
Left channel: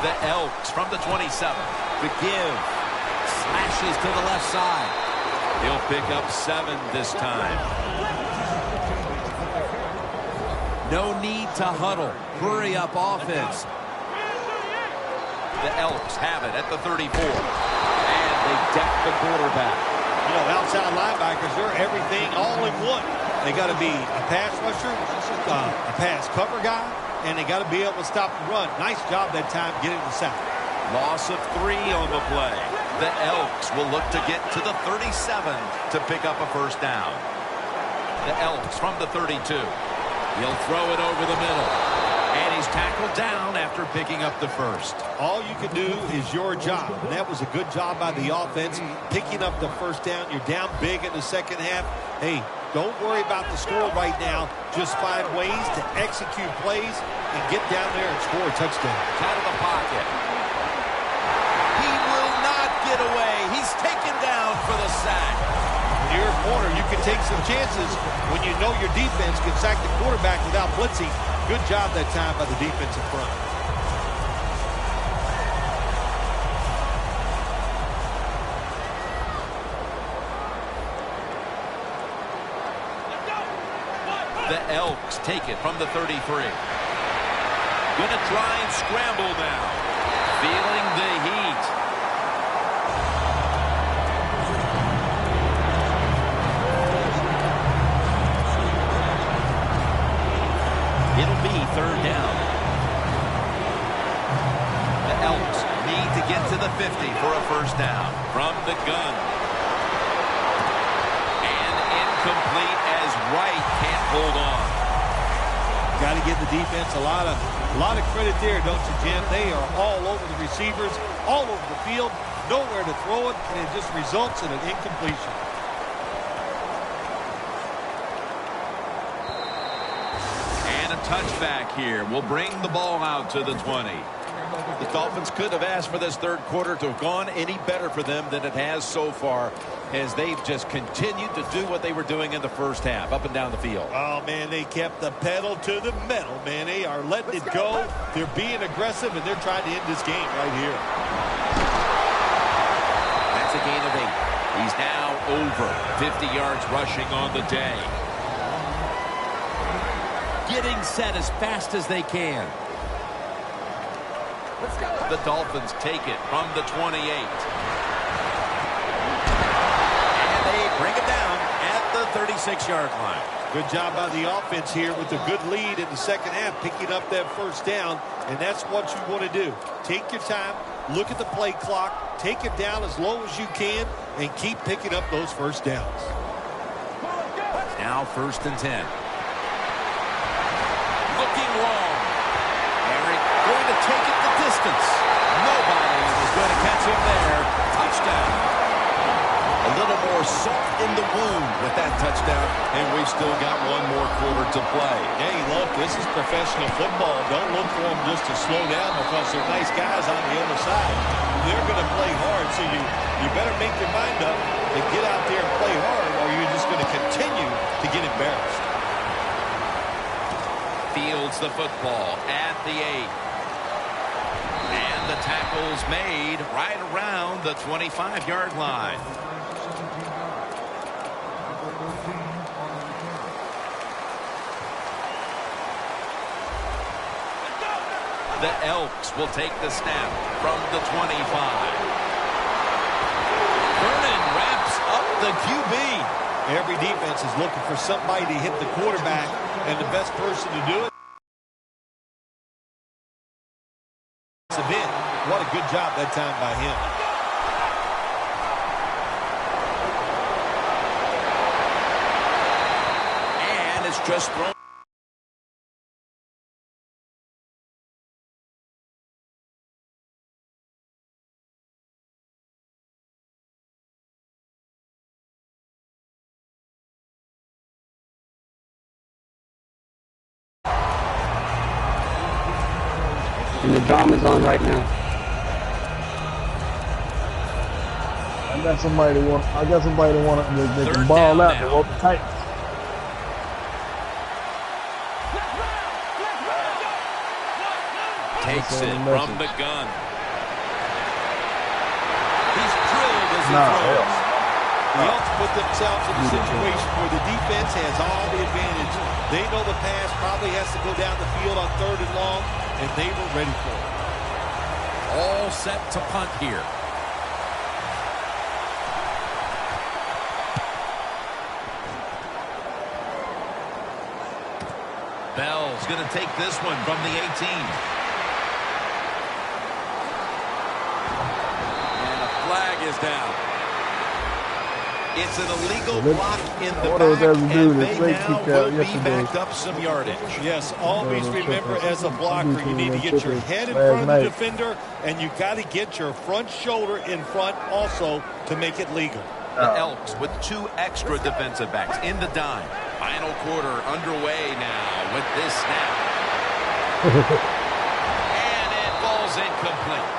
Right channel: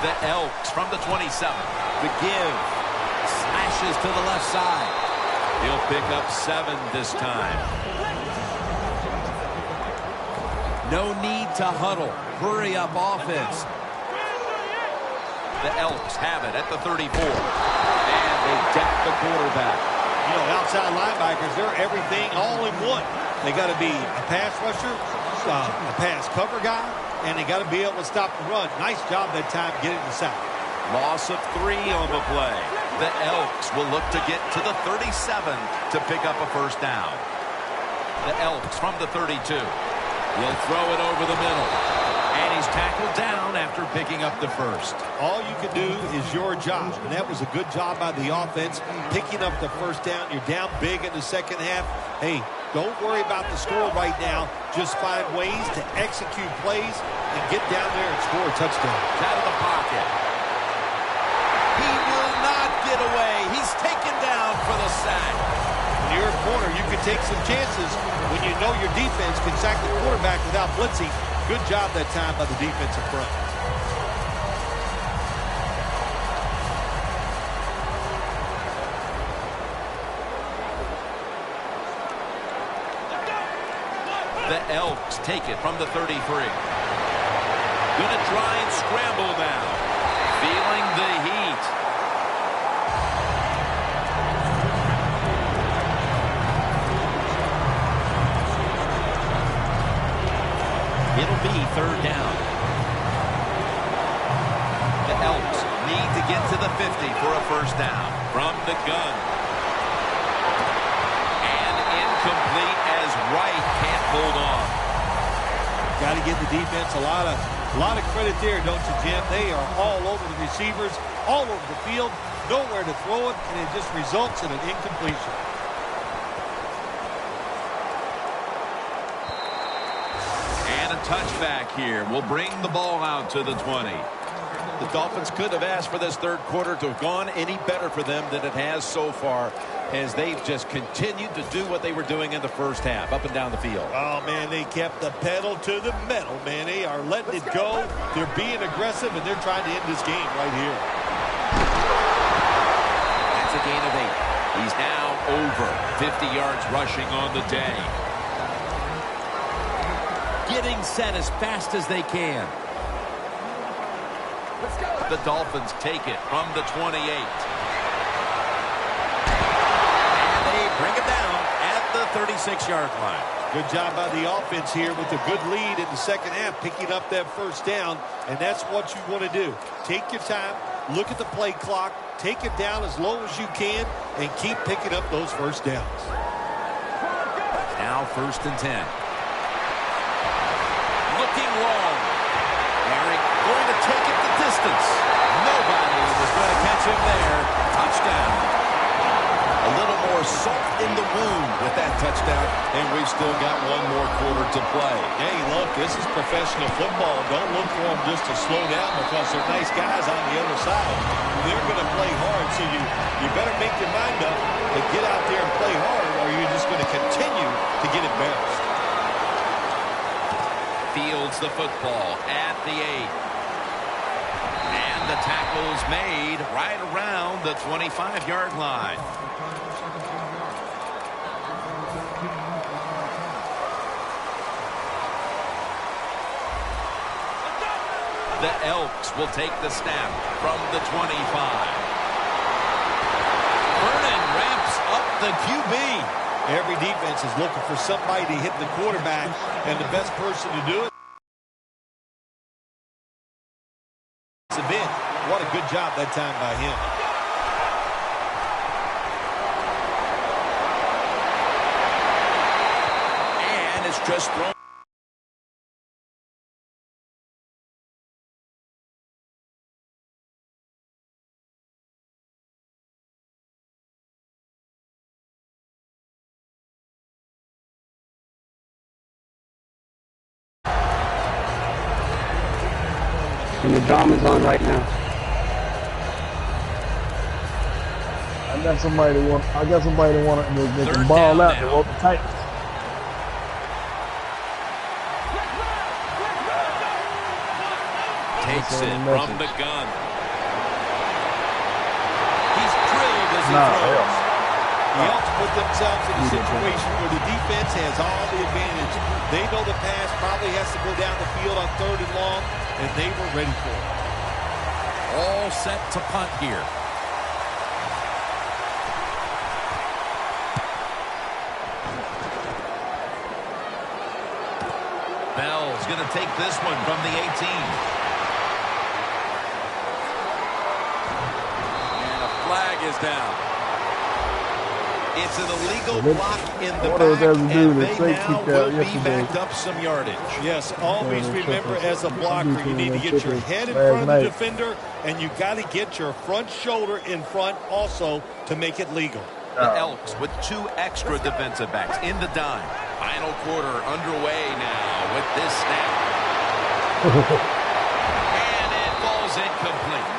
The Elks from the 27. The give. Slashes to the left side. He'll pick up 7 this time. No need to huddle. Hurry up offense. The Elks have it at the 34. And they deck the quarterback. You know, outside linebackers, they're everything all in one. They got to be a pass rusher, a pass cover guy, and they got to be able to stop the run. Nice job that time getting the sack. Loss of 3 on the play. The Elks will look to get to the 37 to pick up a first down. The Elks from the 32. He'll throw it over the middle. And he's tackled down after picking up the first. All you can do is your job, and that was a good job by the offense, picking up the first down. You're down big in the second half. Hey, don't worry about the score right now. Just find ways to execute plays and get down there and score a touchdown. Out of the pocket. He will not get away. He's taken down for the sack. When you're a corner, you can take some chances when you know your defense can sack the quarterback without blitzing. Good job that time by the defensive front. The Elks take it from the 33. Gonna try and scramble now. Feeling the heat. It'll be third down. The Elks need to get to the 50 for a first down. From the gun. And incomplete as Wright can't hold on. Got to give the defense a lot of credit there, don't you, Jim? They are all over the receivers, all over the field, nowhere to throw it, and it just results in an incompletion. And a touchback here will bring the ball out to the 20. The Dolphins could have asked for this third quarter to have gone any better for them than it has so far, as they've just continued to do what they were doing in the first half, up and down the field. Oh, man, they kept the pedal to the metal, man. They are letting it go. They're being aggressive, and they're trying to end this game right here. That's a gain of 8. He's now over 50 yards rushing on the day. Getting set as fast as they can. The Dolphins take it from the 28. And they bring it down at the 36-yard line. Good job by the offense here with a good lead in the second half, picking up that first down, and that's what you want to do. Take your time, look at the play clock, take it down as low as you can, and keep picking up those first downs. Now first and 10. Looking long. Eric going to take it the distance. Nobody was going to catch him there. Touchdown. A little more salt in the wound with that touchdown, and we've still got one more quarter to play. Hey, look, this is professional football. Don't look for them just to slow down because they're nice guys on the other side. They're going to play hard, so you better make your mind up to get out there and play hard, or you're just going to continue to get embarrassed. Fields the football at the 8. And the tackle's made right around the 25-yard line. The Elks will take the snap from the 25. Vernon wraps up the QB. Every defense is looking for somebody to hit the quarterback, and the best person to do it is Savin. What a good job that time by him. And it's just thrown. And the drama's on right now. I got somebody that want they can ball out. They want the Titans. Takes it from the gun. He's drilled as he throws. The Elks put themselves in a situation where the defense has all the advantage. They know the pass probably has to go down the field on 3rd and long, and they were ready for it. All set to punt here. Bell's going to take this one from the 18. And a flag is down. It's an illegal block in the what back, that was doing, and the they safety now cat will be yesterday. backed up some yardage. Yes, always remember as a blocker, you need to get your head in Last front of the night. defender, and you got to get your front shoulder in front also to make it legal. The Elks with 2 extra defensive backs in the dime. Final quarter underway now with this snap. And it falls incomplete.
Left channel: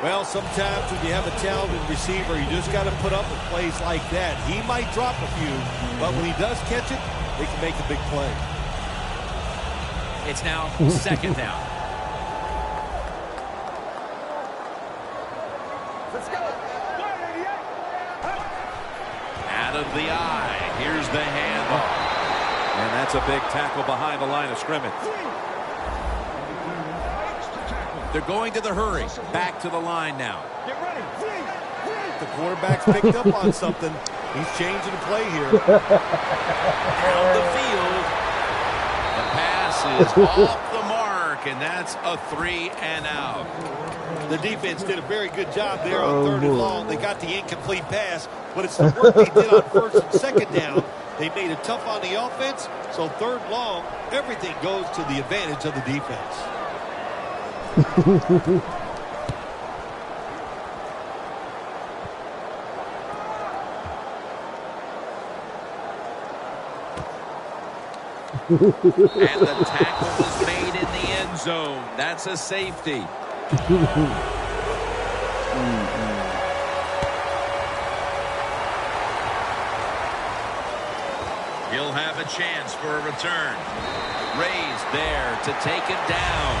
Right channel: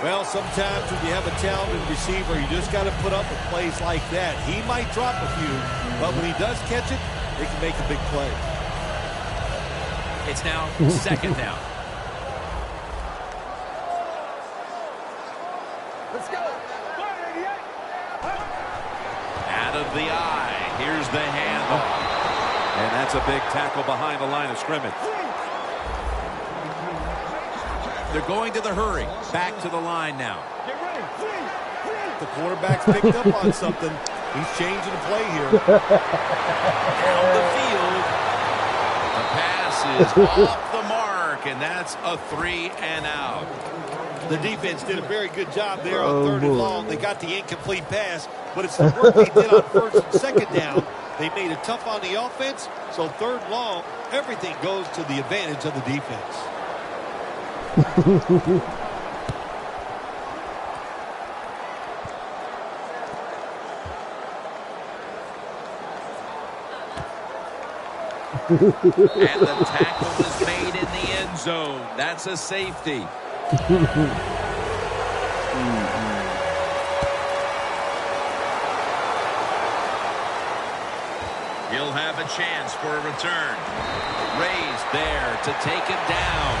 Well, sometimes when you have a talented receiver, you just got to put up with plays like that. He might drop a few, but when he does catch it, they can make a big play. It's now second down. Let's go. 188. Out of the eye. Here's the handoff. And that's a big tackle behind the line of scrimmage. They're going to the hurry. Back to the line now. Get ready. The quarterback's picked up on something. He's changing the play here. Down the field. The pass is off the mark, and that's a 3 and out. The defense did a very good job there on Oh, 3rd and boy. long. They got the incomplete pass, but it's the work they did on 1st and 2nd down. They made it tough on the offense, so 3rd and long, everything goes to the advantage of the defense. And the tackle was made in the end zone. That's a safety. He'll have a chance for a return. Raised there to take him down.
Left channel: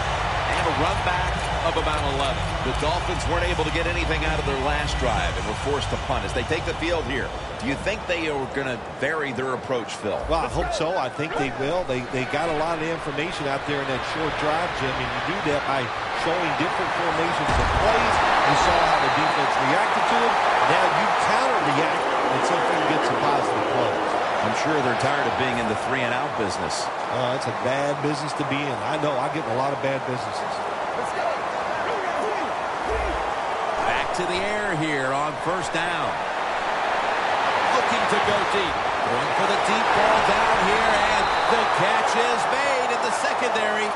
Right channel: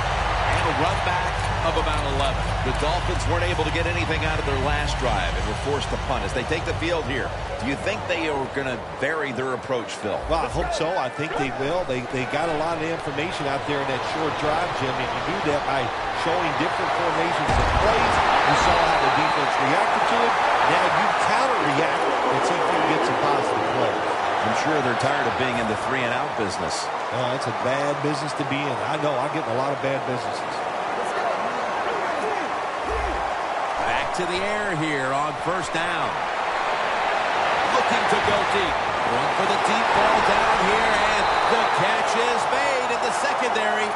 And a run back of about 11. The Dolphins weren't able to get anything out of their last drive and were forced to punt. As they take the field here, do you think they are going to vary their approach, Phil? Well, I hope so. I think they will. They got a lot of information out there in that short drive, Jim, and you do that by showing different formations of plays. You saw how the defense reacted to it. Now you counter-react and see if you can get some positive plays. I'm sure they're tired of being in the 3-and-out business. It's a bad business to be in. I know. I get in a lot of bad businesses. Let's go. Back to the air here on 1st down. Looking to go deep. Going for the deep ball down here, and the catch is made in the secondary.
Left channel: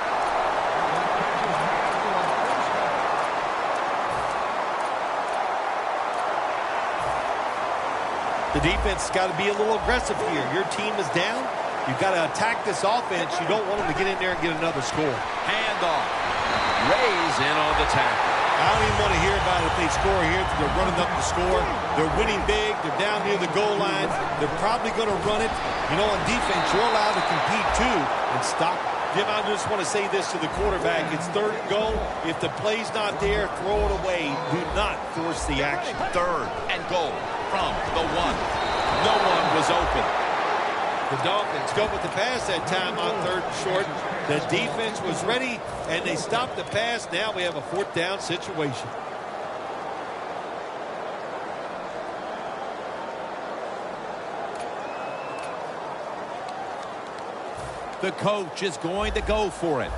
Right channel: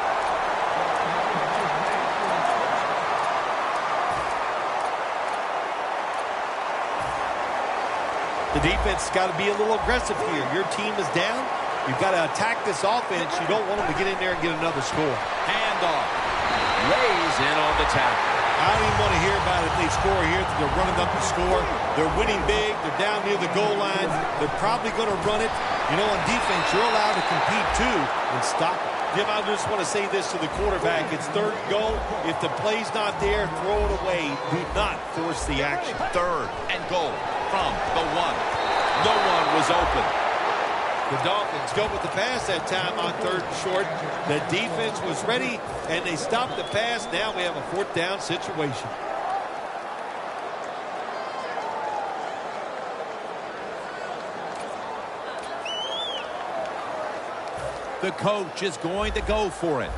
The defense has got to be a little aggressive here. Your team is down. You've got to attack this offense. You don't want them to get in there and get another score. Handoff. Rays in on the tackle. I don't even want to hear about it if they score here. They're running up the score. They're winning big. They're down near the goal line. They're probably going to run it. You know, on defense, you're allowed to compete too and stop it. Jim, I just want to say this to the quarterback. It's 3rd and goal. If the play's not there, throw it away. Do not force the action. 3rd and goal from the 1. No one was open. The Dolphins go with the pass that time on 3rd and short. The defense was ready, and they stopped the pass. Now we have a 4th down situation. The coach is going to go for it.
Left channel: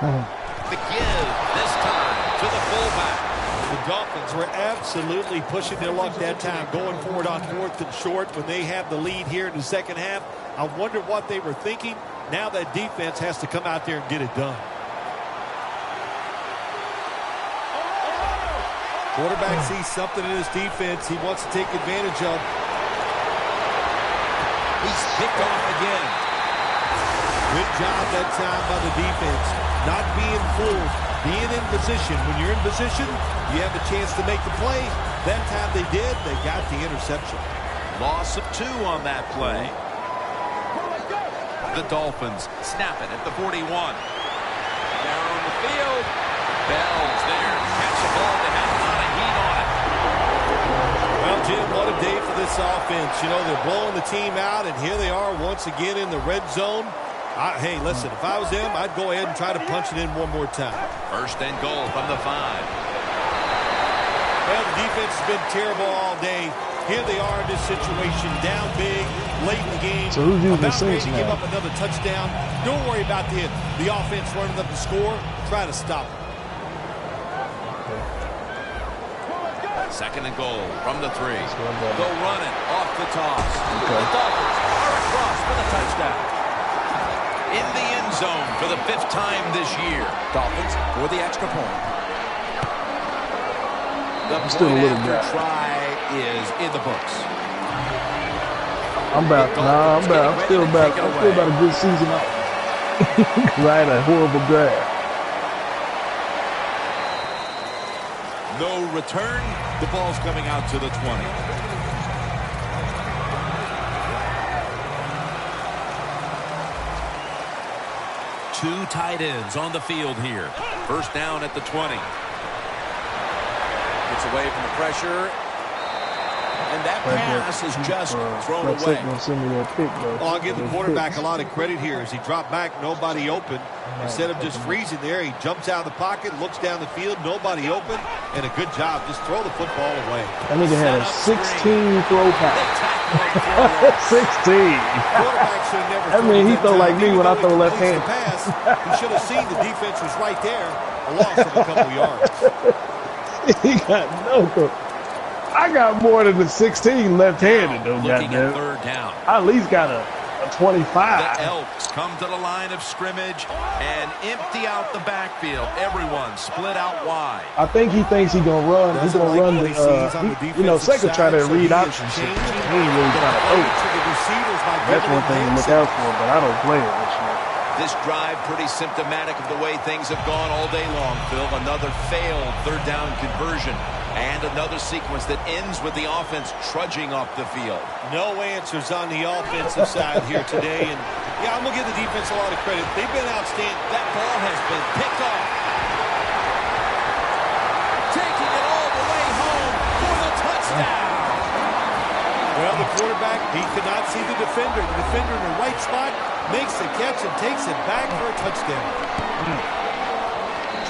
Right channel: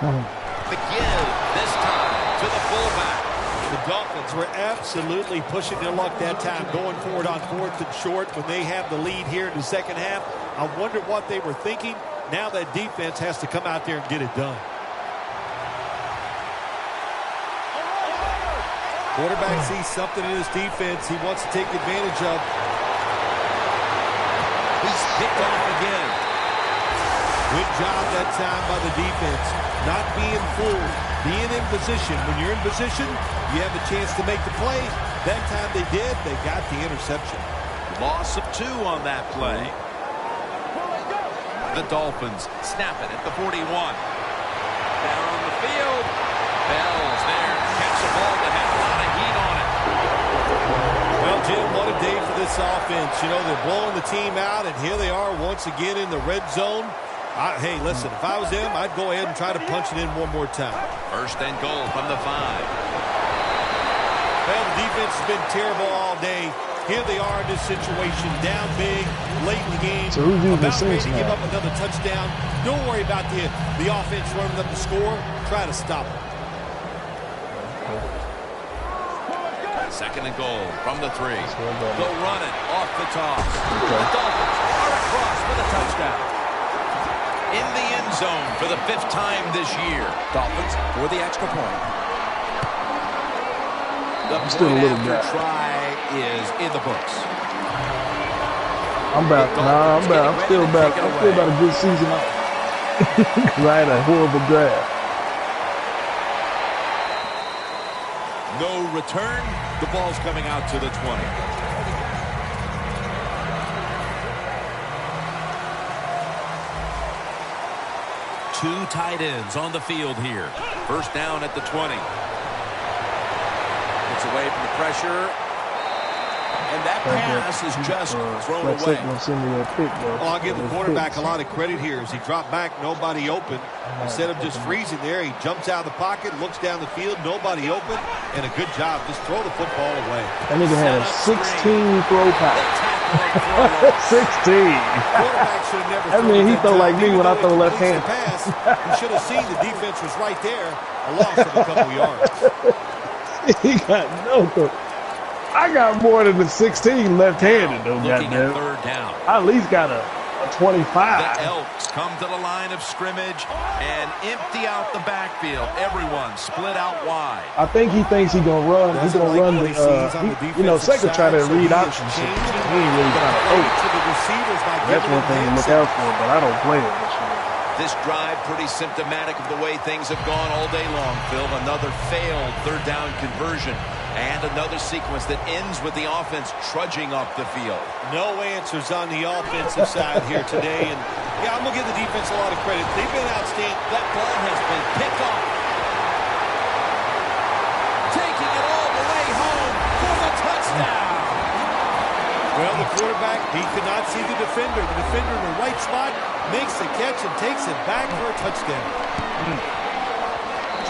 The give this time to the fullback. The Dolphins were absolutely pushing their luck that time, going forward on 4th and short when they have the lead here in the second half. I wonder what they were thinking. Now that defense has to come out there and get it done. Quarterback sees something in his defense he wants to take advantage of. He's picked off again. Good job that time by the defense. Not being fooled. Being in position. When you're in position, you have a chance to make the play. That time they did. They got the interception. Loss of 2 on that play. The Dolphins snap it at the 41. Down the field. Bell's there to catch the ball that had a lot of heat on it. Well, Jim, what a day for this offense. You know, they're blowing the team out, and here they are once again in the red zone. Hey, listen, if I was them, I'd go ahead and try to punch it in one more time. 1st and goal from the 5. Well, the defense has been terrible all day. Here they are in this situation, down big, late in the game, So who's using the about ready Saints to give now? up another touchdown. Don't worry about the offense running up the score. Try to stop it. Second and goal from the 3. They'll run it off the toss. Okay. The Dolphins are across for the touchdown. In the end zone for the 5th time this year. Dolphins for the extra point. The Still a point little after gap. try is in the books. I'm about. Nah, I'm about. I'm still about. I'm still about a good season off. 'Cause I had a horrible draft. No return. The ball's coming out to the 20. Two tight ends on the field here. First down at the 20. Gets away from the pressure. And that pass is just thrown Flex away. ain't gonna send me that pick though. Well, I'll give the Those quarterback picks. a lot of credit here. As he dropped back, nobody open. Instead of just freezing there, he jumps out of the pocket, looks down the field, nobody open, and a good job. Just throw the football away. That nigga had a 16 throw They pass. tackle him for a loss. 16. Quarterback should have never I thrown mean, it he that throw time. like me Even when I though throw he left completes hand. the pass, he should have seen the defense was right there. A loss of a couple yards. He got no throw. I got more than the 16 left-handed though, Looking at goddamn. third down. I at least got a 25. The Elks come to the line of scrimmage and empty out the backfield. Everyone split out wide. I think he thinks he's gonna run. He's Doesn't gonna like run what he sees on the the. You know, defensive Seca try to side, so read he is option shit. He changing ain't really the trying to play throw. to the receivers by That's giving one thing to them look hand out for, but I don't play it this year. This drive pretty symptomatic of the way things have gone all day long, Phil. Another failed third down conversion. And another sequence that ends with the offense trudging up the field. No answers on the offensive side here today. And, yeah, I'm going to give the defense a lot of credit. They've been outstanding. That ball has been picked off. Taking it all the way home for the touchdown. Well, the quarterback, he could not see the defender. The defender in the right spot makes the catch and takes it back for a touchdown.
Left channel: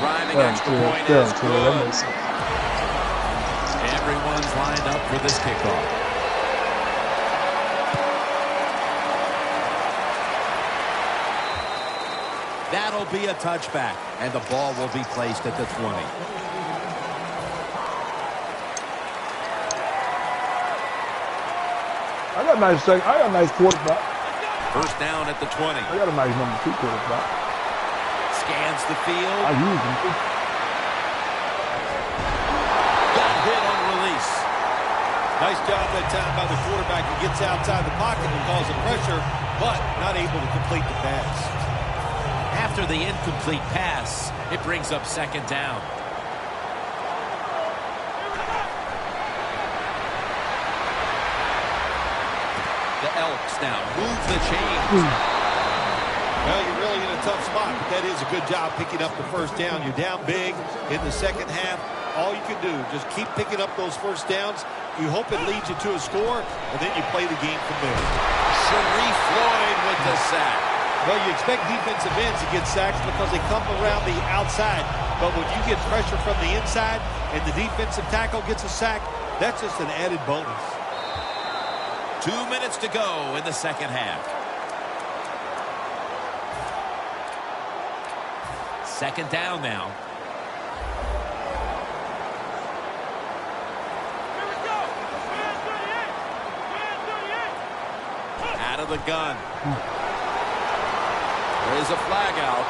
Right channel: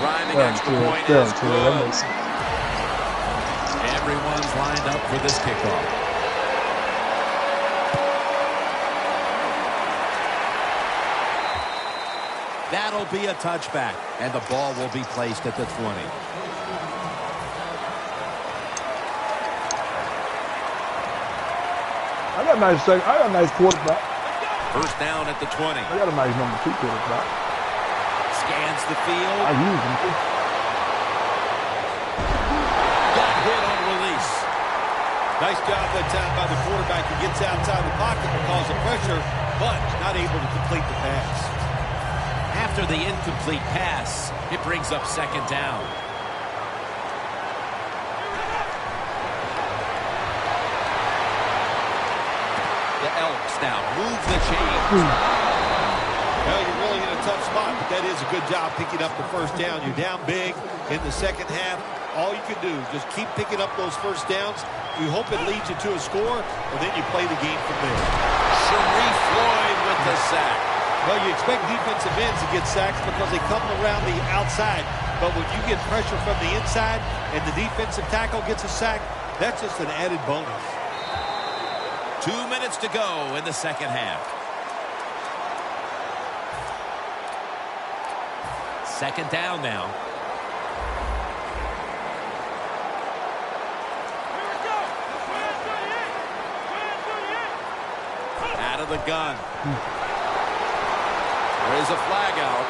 Driving extra point is That good. makes sense. Everyone's lined up for this kickoff. That'll be a touchback, and the ball will be placed at the 20. I got a nice quarterback. First down at the 20. I got a nice number 2 quarterback. Scans the field. I use him too. Got hit on release. Nice job that time by the quarterback. He gets outside the pocket because of pressure, but not able to complete the pass. After the incomplete pass, it brings up second down. The Elks now move the chains. Well, you're really in a tough spot, but that is a good job picking up the first down. You're down big in the second half. All you can do, just keep picking up those first downs. You hope it leads you to a score, and then you play the game from there. Sharif Floyd with the sack. Well, you expect defensive ends to get sacks because they come around the outside. But when you get pressure from the inside and the defensive tackle gets a sack, that's just an added bonus. 2 minutes to go in the second half. Second down now. Out of the gun. There is a flag out.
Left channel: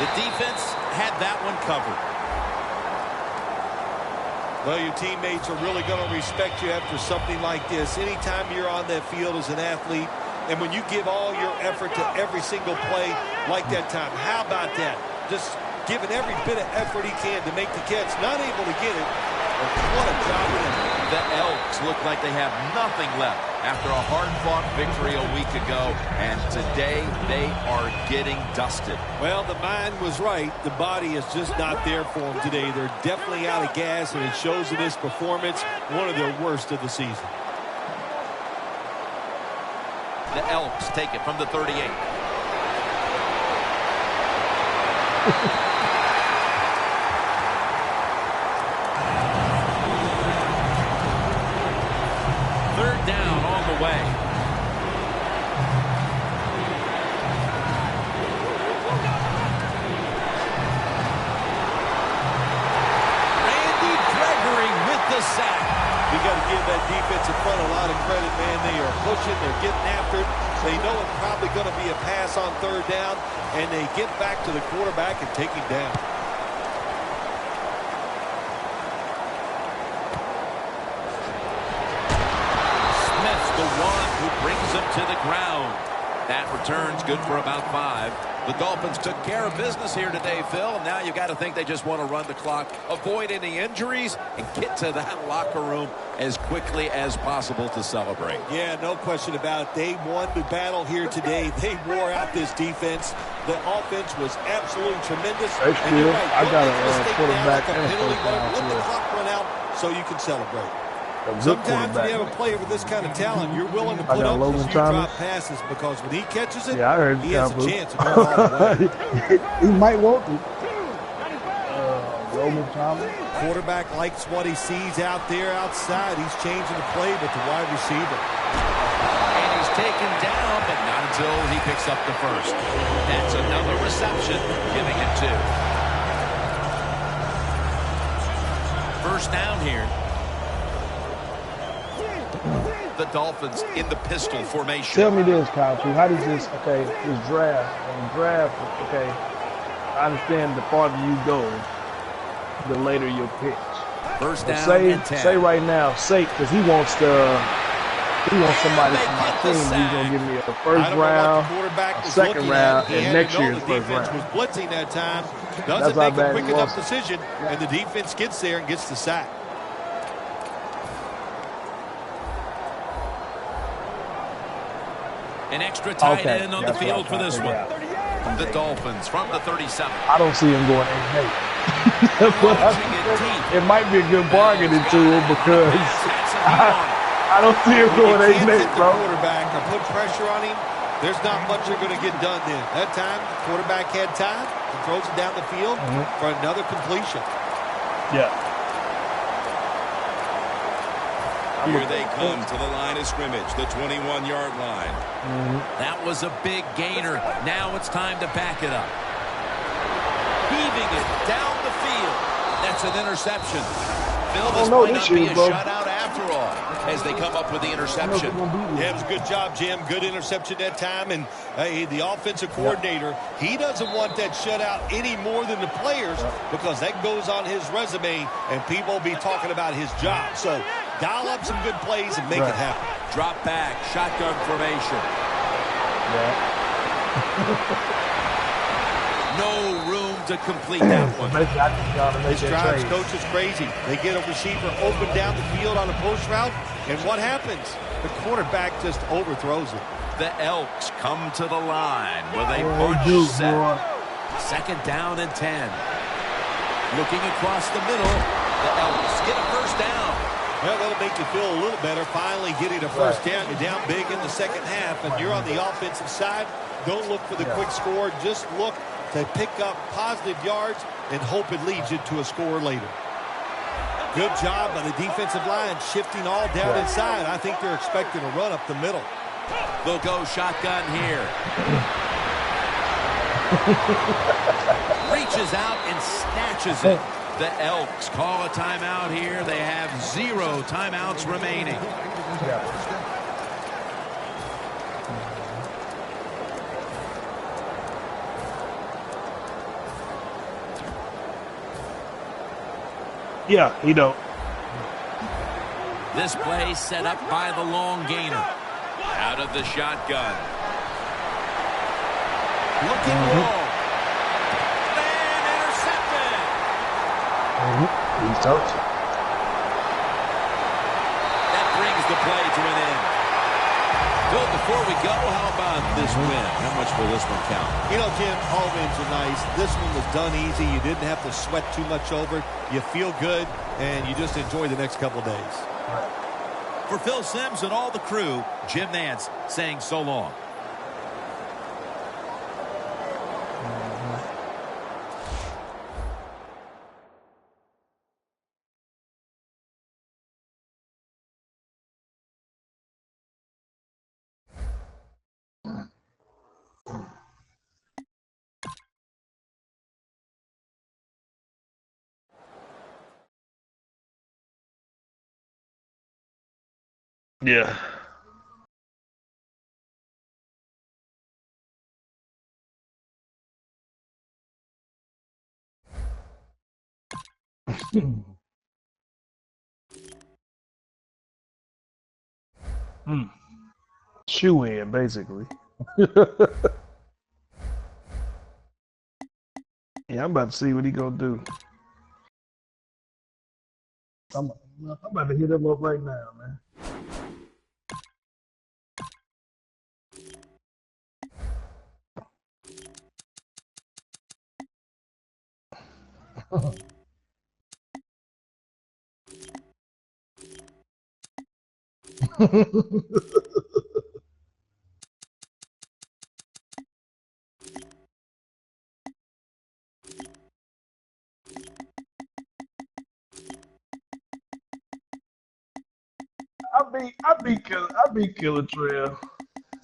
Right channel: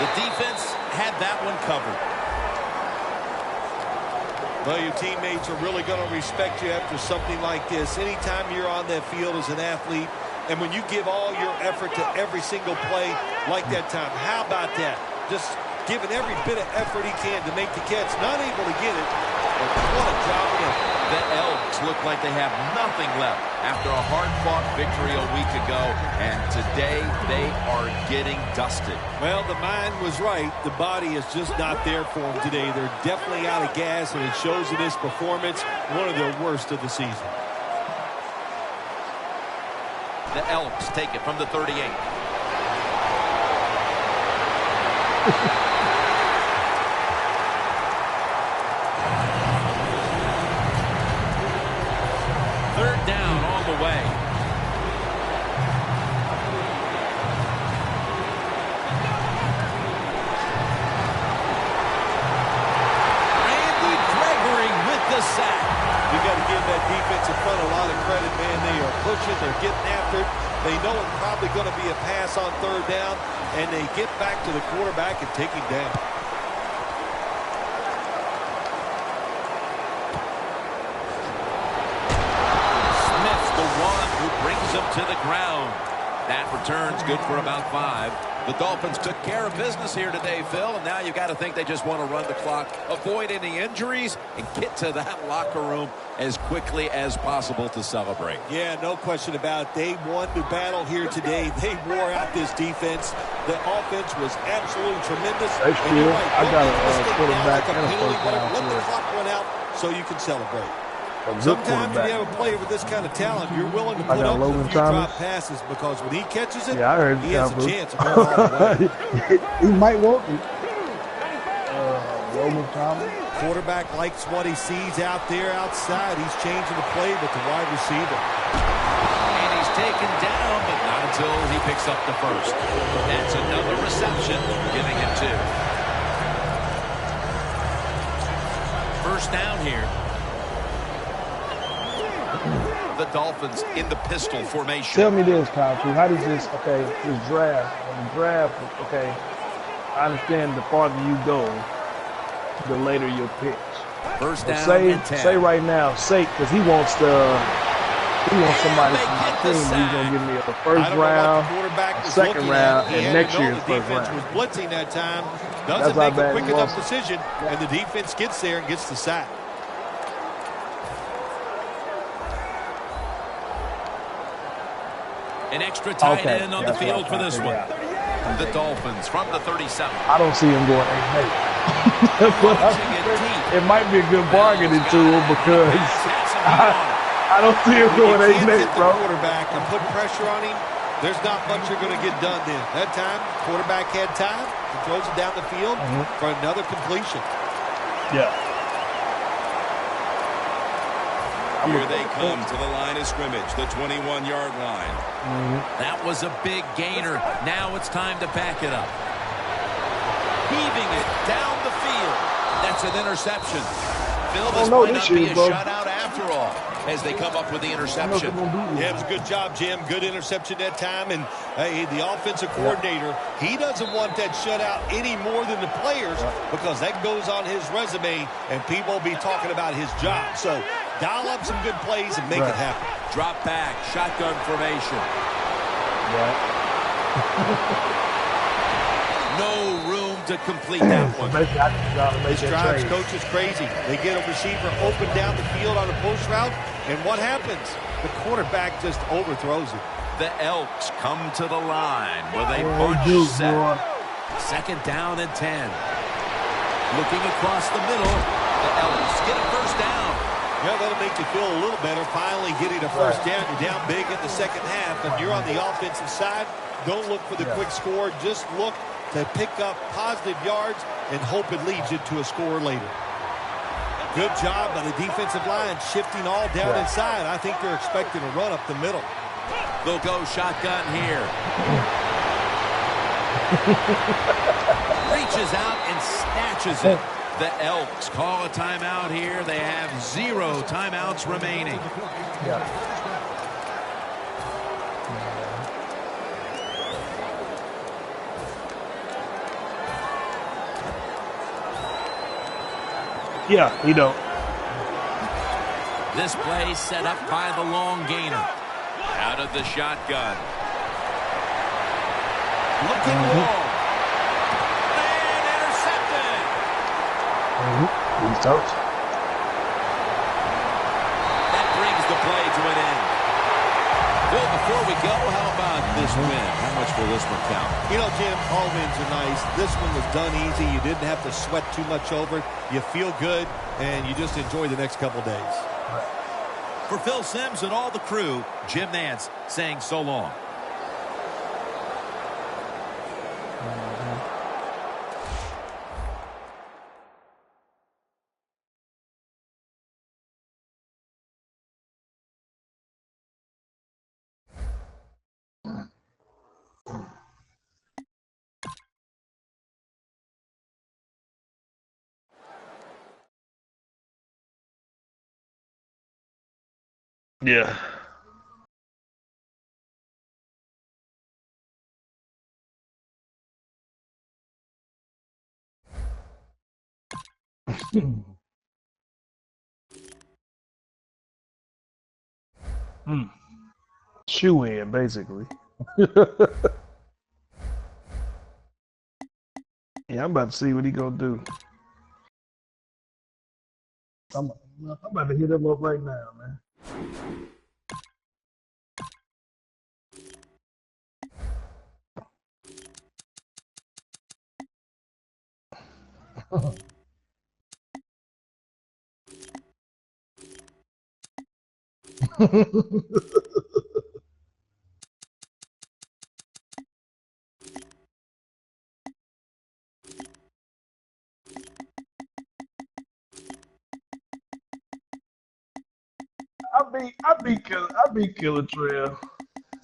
The defense had that one covered. Well, your teammates are really going to respect you after something like this. Anytime you're on that field as an athlete, and when you give all your effort to every single play like that time, how about that? Just giving every bit of effort he can to make the catch. Not able to get it, but what a job of effort. The Elks look like they have nothing left after a hard-fought victory a week ago, and today they are getting dusted. Well, the mind was right. The body is just not there for them today. They're definitely out of gas, and it shows in this performance, one of their worst of the season. The Elks take it from the 38. Third down on the way. got to give that defensive front a lot of credit, man. They are pushing. They're getting after it. They know it's probably going to be a pass on third down, and they get back to the quarterback and take him down. Smith's the one who brings him to the ground. That return's good for about 5. The Dolphins took care of business here today, Phil, and now you've got to think they just want to run the clock, avoid any injuries, and get to that locker room as quickly as possible to celebrate. Yeah, no question about it. They won the battle here today. They wore out this defense. The offense was absolutely tremendous. Hey, and you're right. I got a quarterback and a penalty, first whatever. down. Let the clock run out so you can celebrate. Good Sometimes when you have quarterback. a player with this kind of talent, you're willing to I put got up a Logan few Thomas. drop passes because when he catches it, Yeah, I heard he has a Cowboys. chance of going all the way. He might want to. Roman Thomas. Quarterback likes what he sees out there outside. He's changing the play with the wide receiver. And he's taken down, but not until he picks up the first. That's another reception, giving him 2. First down here. The Dolphins in the pistol formation. Tell me this, Kyle. How does this, this draft, and the draft, I understand the farther you go, the later your picks. First But down and 10. say right now, because he wants somebody they from my get the team. He's sack. going to give me a I first don't know what the round, quarterback a was second looking round, at. He and had next to know year's the first defense round. was blitzing that time. That's Doesn't how make a bad quick he enough was. decision, and the defense gets there and gets the sack. An extra tight Okay, end on the that's what field for I'm this trying one. to figure The Dolphins from the 37. I don't see him going 8-8. Launching it deep. It might be a good bargaining tool because I don't see him When going you can't 8-8, hit the bro. quarterback or put pressure on him, there's not much you're going to get done then. That time, quarterback had time and throws it down the field for another completion. Yeah. Here they come to the line of scrimmage, the 21-yard line. That was a big gainer. Now it's time to back it up. Heaving it down the field. That's an interception. Phil, this no, might this not be year, a bro. shutout after all, as they come up with the interception. Yeah, it was a good job, Jim. Good interception that time. And the offensive coordinator, he doesn't want that shutout any more than the players because that goes on his resume and people will be talking about his job. So dial up some good plays and make it happen. Drop back, shotgun formation. No room to complete that one. This drives coaches crazy. They get a receiver open down the field on a post route, and what happens? The quarterback just overthrows it. The Elks come to the line with a bunch set. Second down and 10. Looking across the middle. The Elks get a first down. Well, that'll make you feel a little better finally getting a first down. You're down big in the second half, and you're on the offensive side. Don't look for the quick score. Just look to pick up positive yards and hope it leads you to a score later. Good job by the defensive line shifting all down inside. I think they're expecting a run up the middle. They'll go shotgun here. Reaches out and snatches it. The Elks call a timeout here. They have 0 timeouts remaining. Yeah, he don't. This play set up by the long gainer. Out of the shotgun. Looking long. And intercepted. He's toast. That brings the play to an end. Bill, before we go, how about this win? How much will this one count? You know, Jim, all wins are nice. This one was done easy. You didn't have to sweat too much over it. You feel good, and you just enjoy the next couple days. For Phil Simms and all the crew, Jim Nance saying so long. Yeah. Hmm. Shoe in, basically. Yeah, I'm about to see what he gonna do. I'm, I'm about to hit him up right now, man. I beat Killer Trail.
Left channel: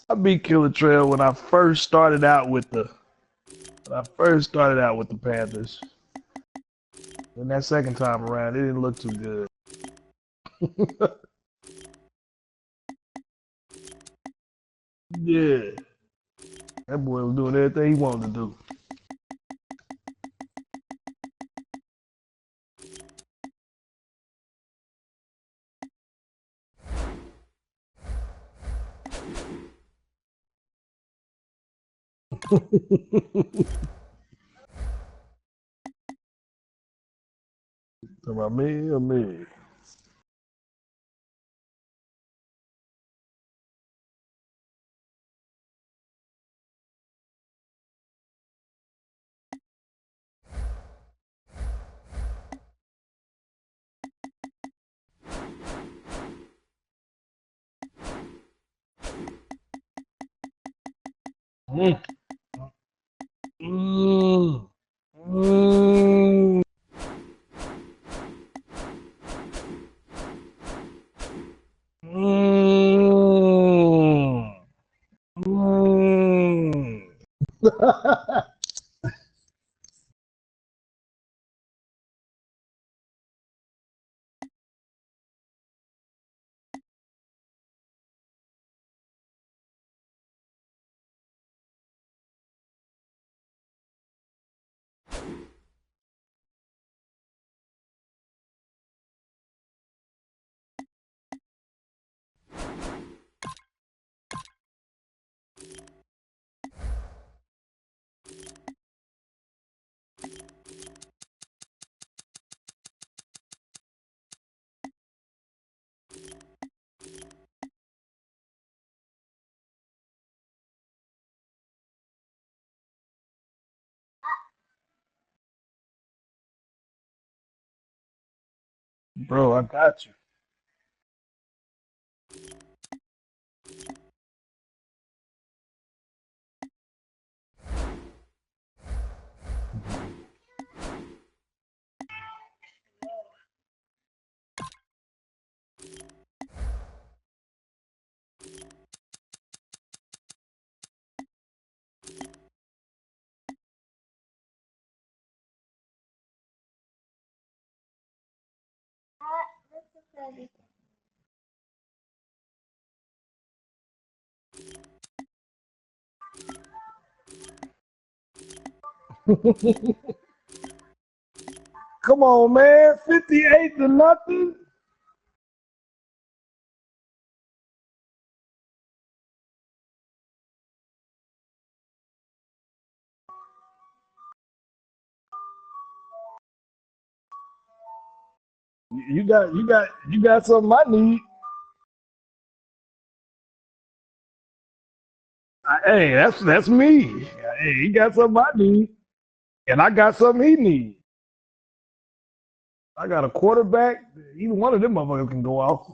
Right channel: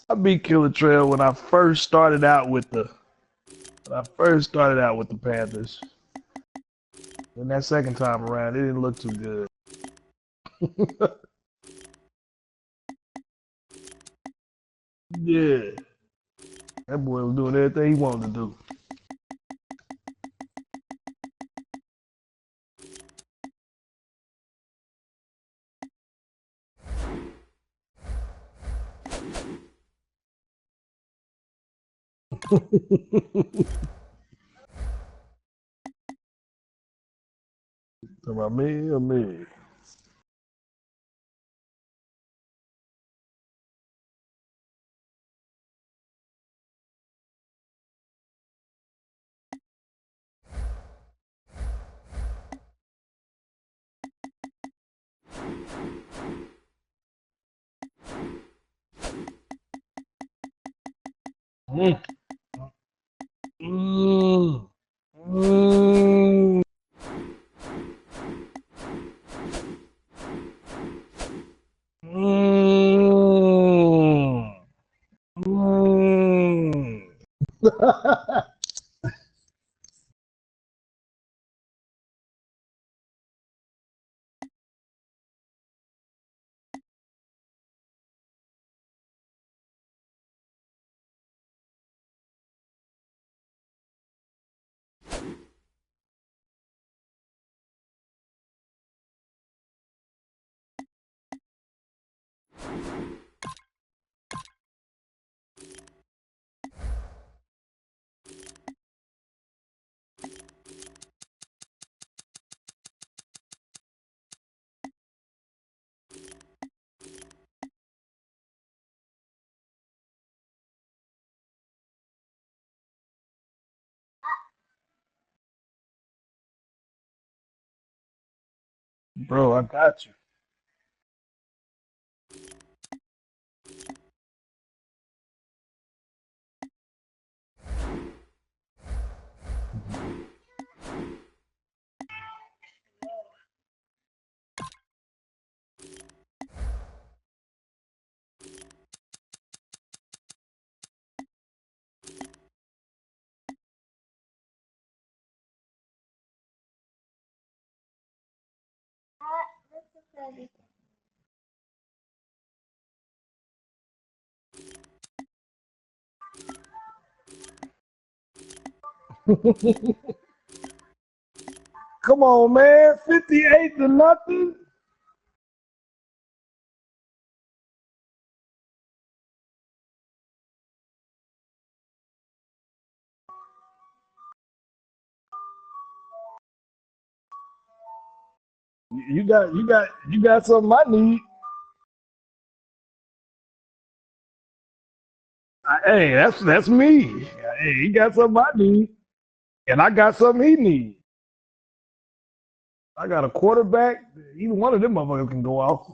I beat Killer Trail when I first started out with the Panthers. And that second time around, it didn't look too good. Yeah, that boy was doing everything he wanted to do. Talking about me or me? Mm. Mm. Mm. Mm. Mm. Bro, I got you. Come on, man. 58-0. You got something I need. Hey, that's me. Hey, he got something I need, and I got something he needs. I got a quarterback. Either one of them motherfuckers can go off.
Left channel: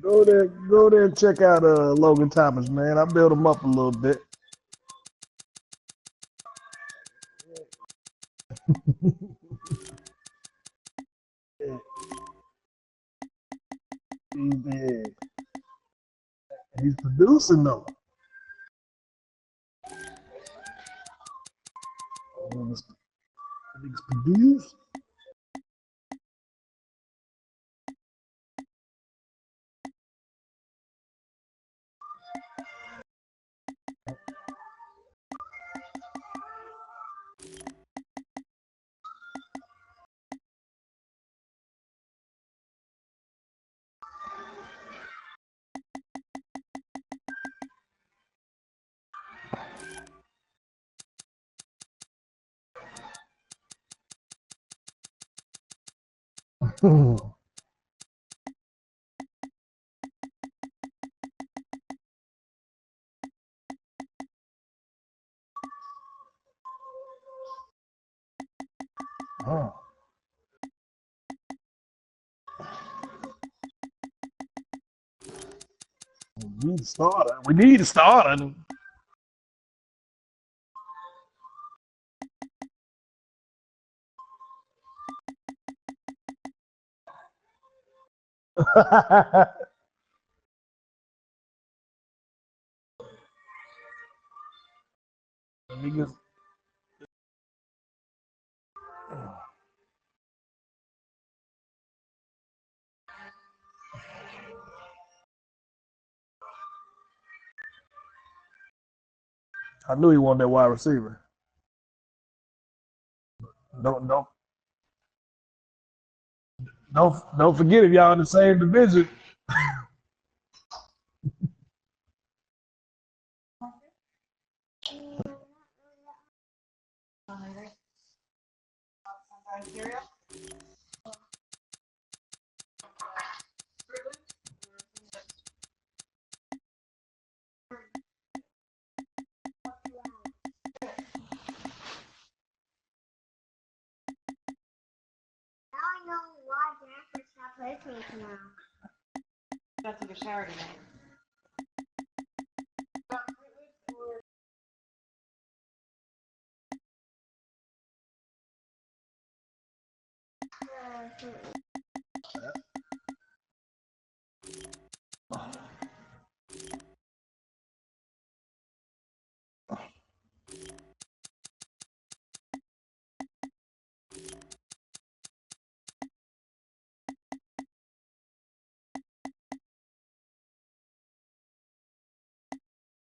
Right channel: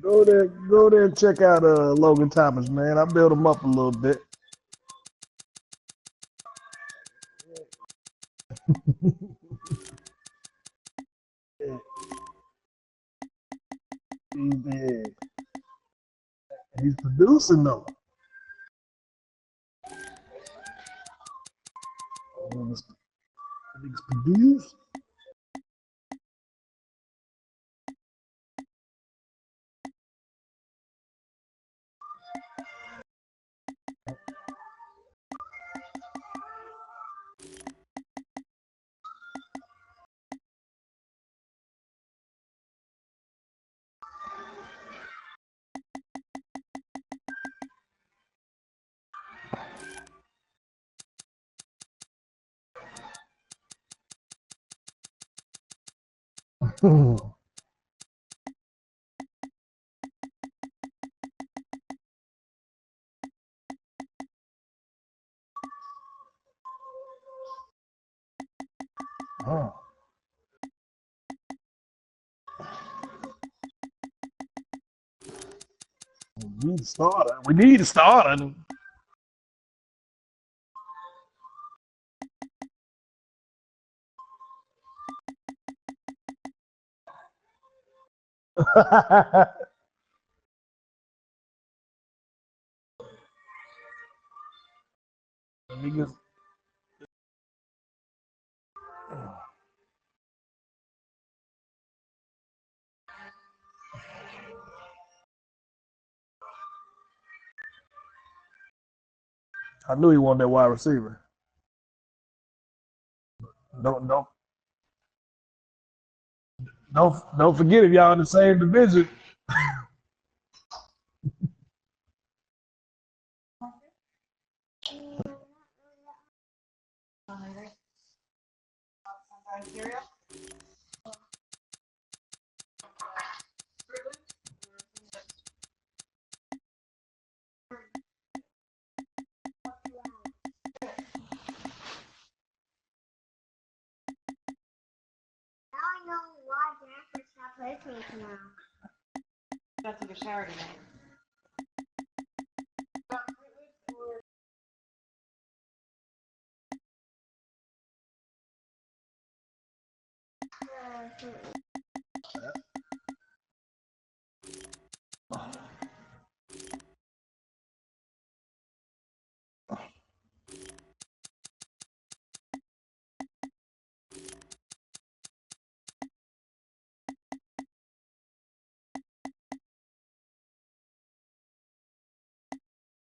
Go there and check out Logan Thomas, man. I built him up a little bit. He's producing though. He's produced. Oh. We need to start. We need to start. Niggas. I knew he wanted that wide receiver. Don't forget if y'all in the same division. I know why Jennifer stopped listening now. Got to take a shower tonight.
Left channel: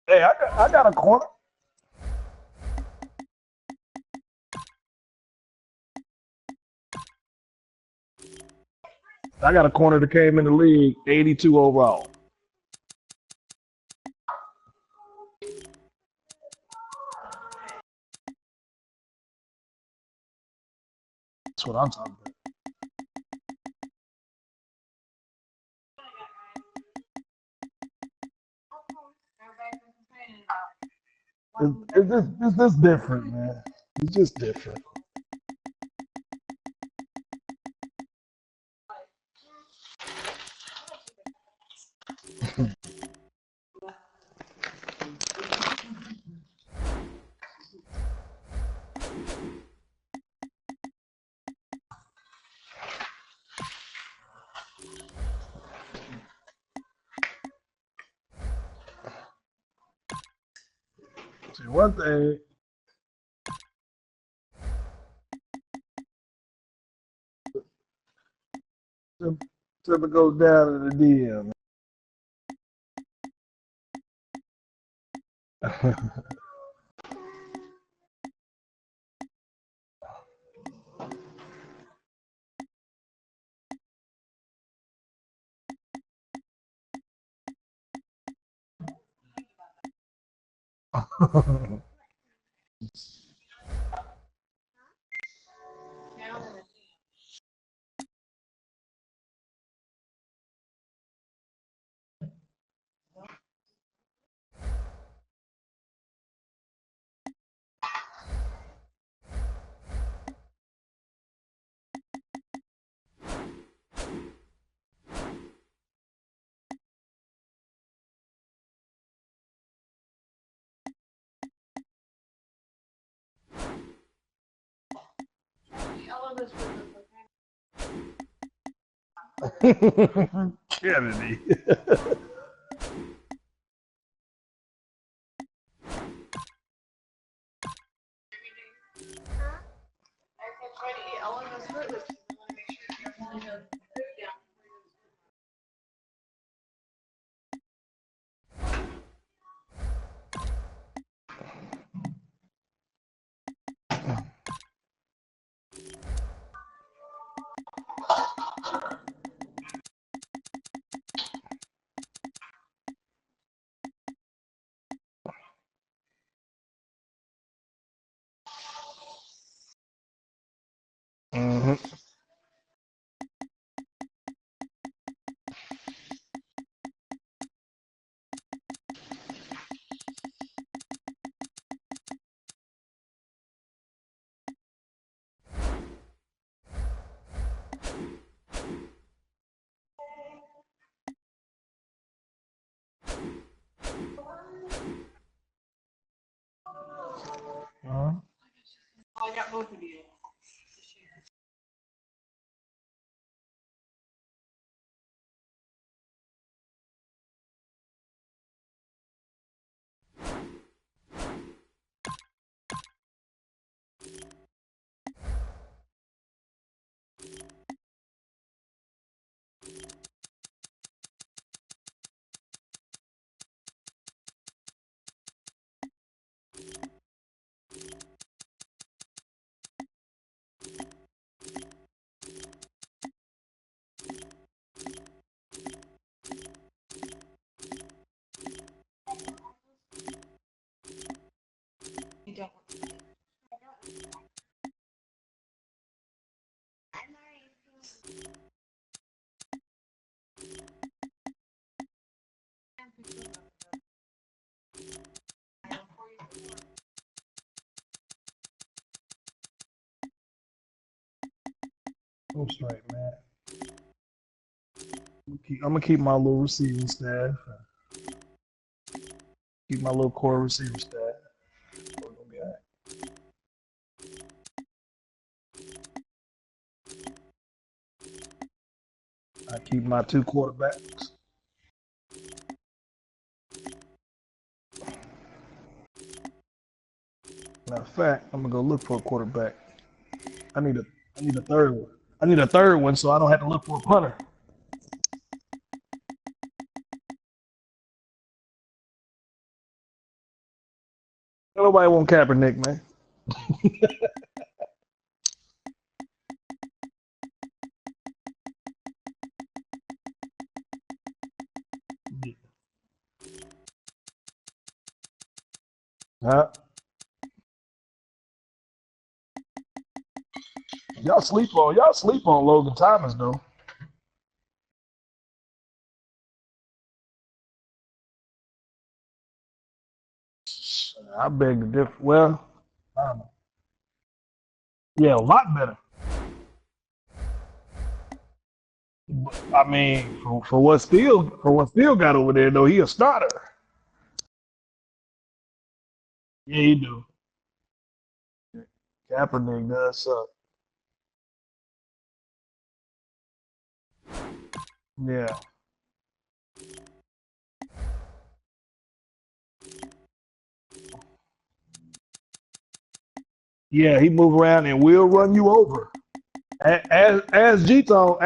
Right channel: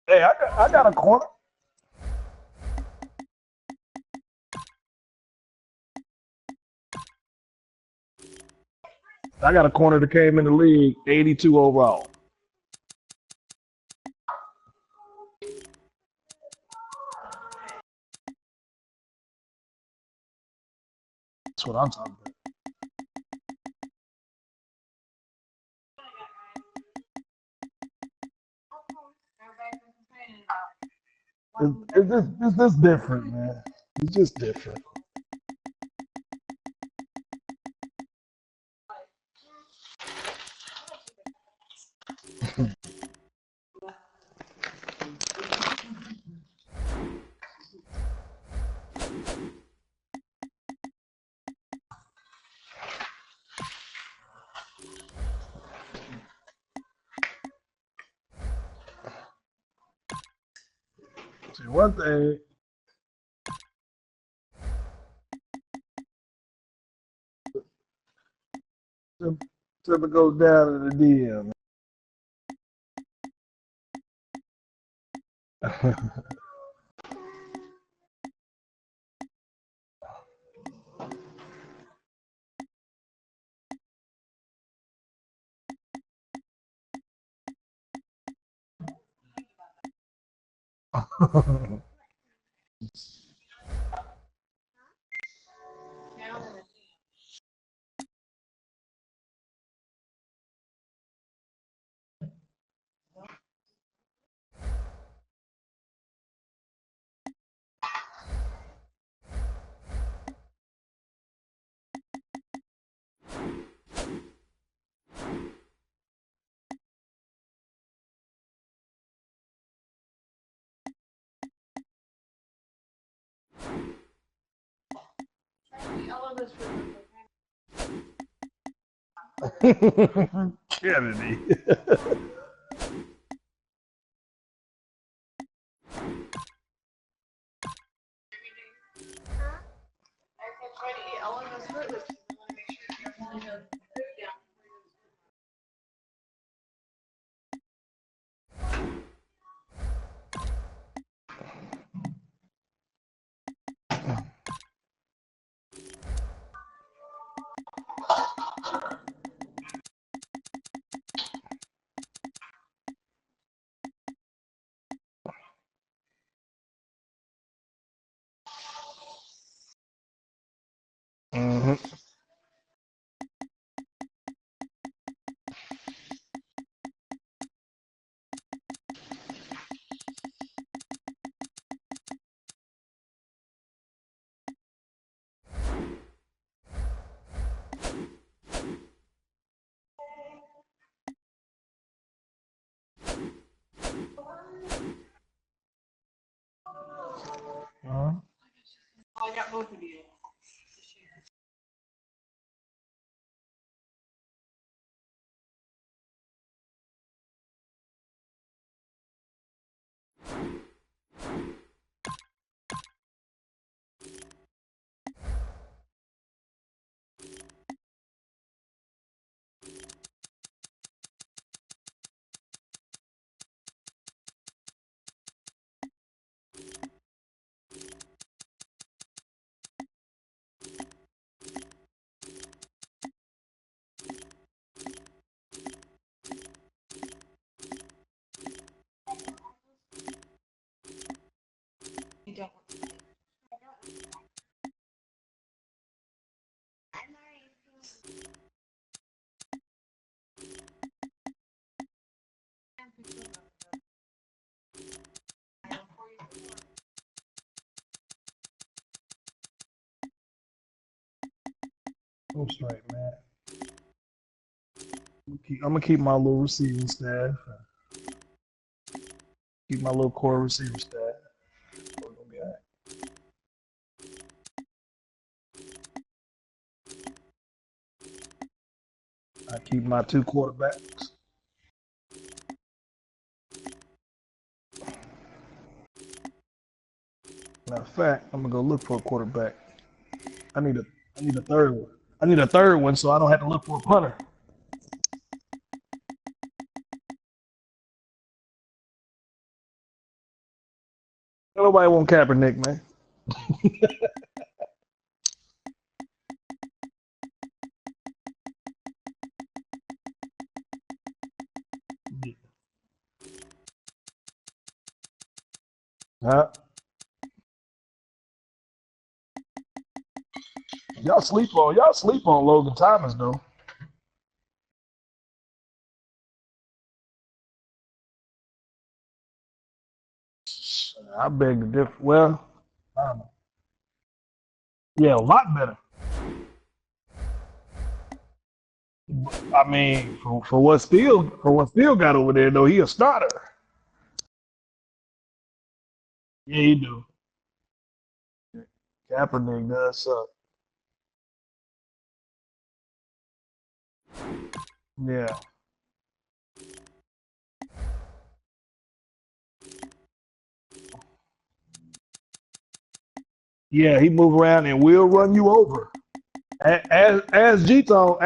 Hey, I got a corner. I got a corner that came in the league, 82 overall. That's what I'm talking about. It's just different, man. It's just different. See, one thing. Timber goes down in the DM. Kennedy. Mm-hmm. I got both of you. You don't. I'm straight, man. I'm gonna keep my little receiving staff. Keep my little core receiver staff. We're gonna be all right. I keep my 2 quarterbacks. Matter of fact, I'm gonna go look for a quarterback. I need a third one. I need a third one so I don't have to look for a punter. Nobody want Kaepernick, man. Huh? Y'all sleep on Logan Thomas though. I beg to differ. Well, I don't know. Yeah, a lot better. I mean, for what Steele got over there though, he a starter. Yeah, he do. Kaepernick does suck. Yeah. Yeah, he move around and will run you over. Ask G-Tone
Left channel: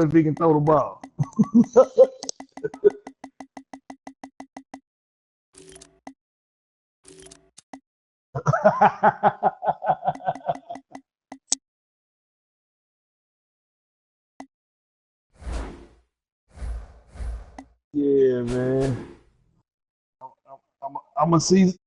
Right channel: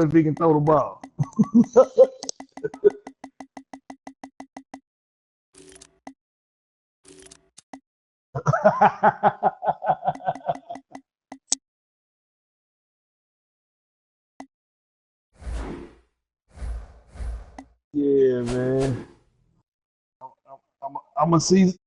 if he can throw the ball. Yeah, man. I'm a season.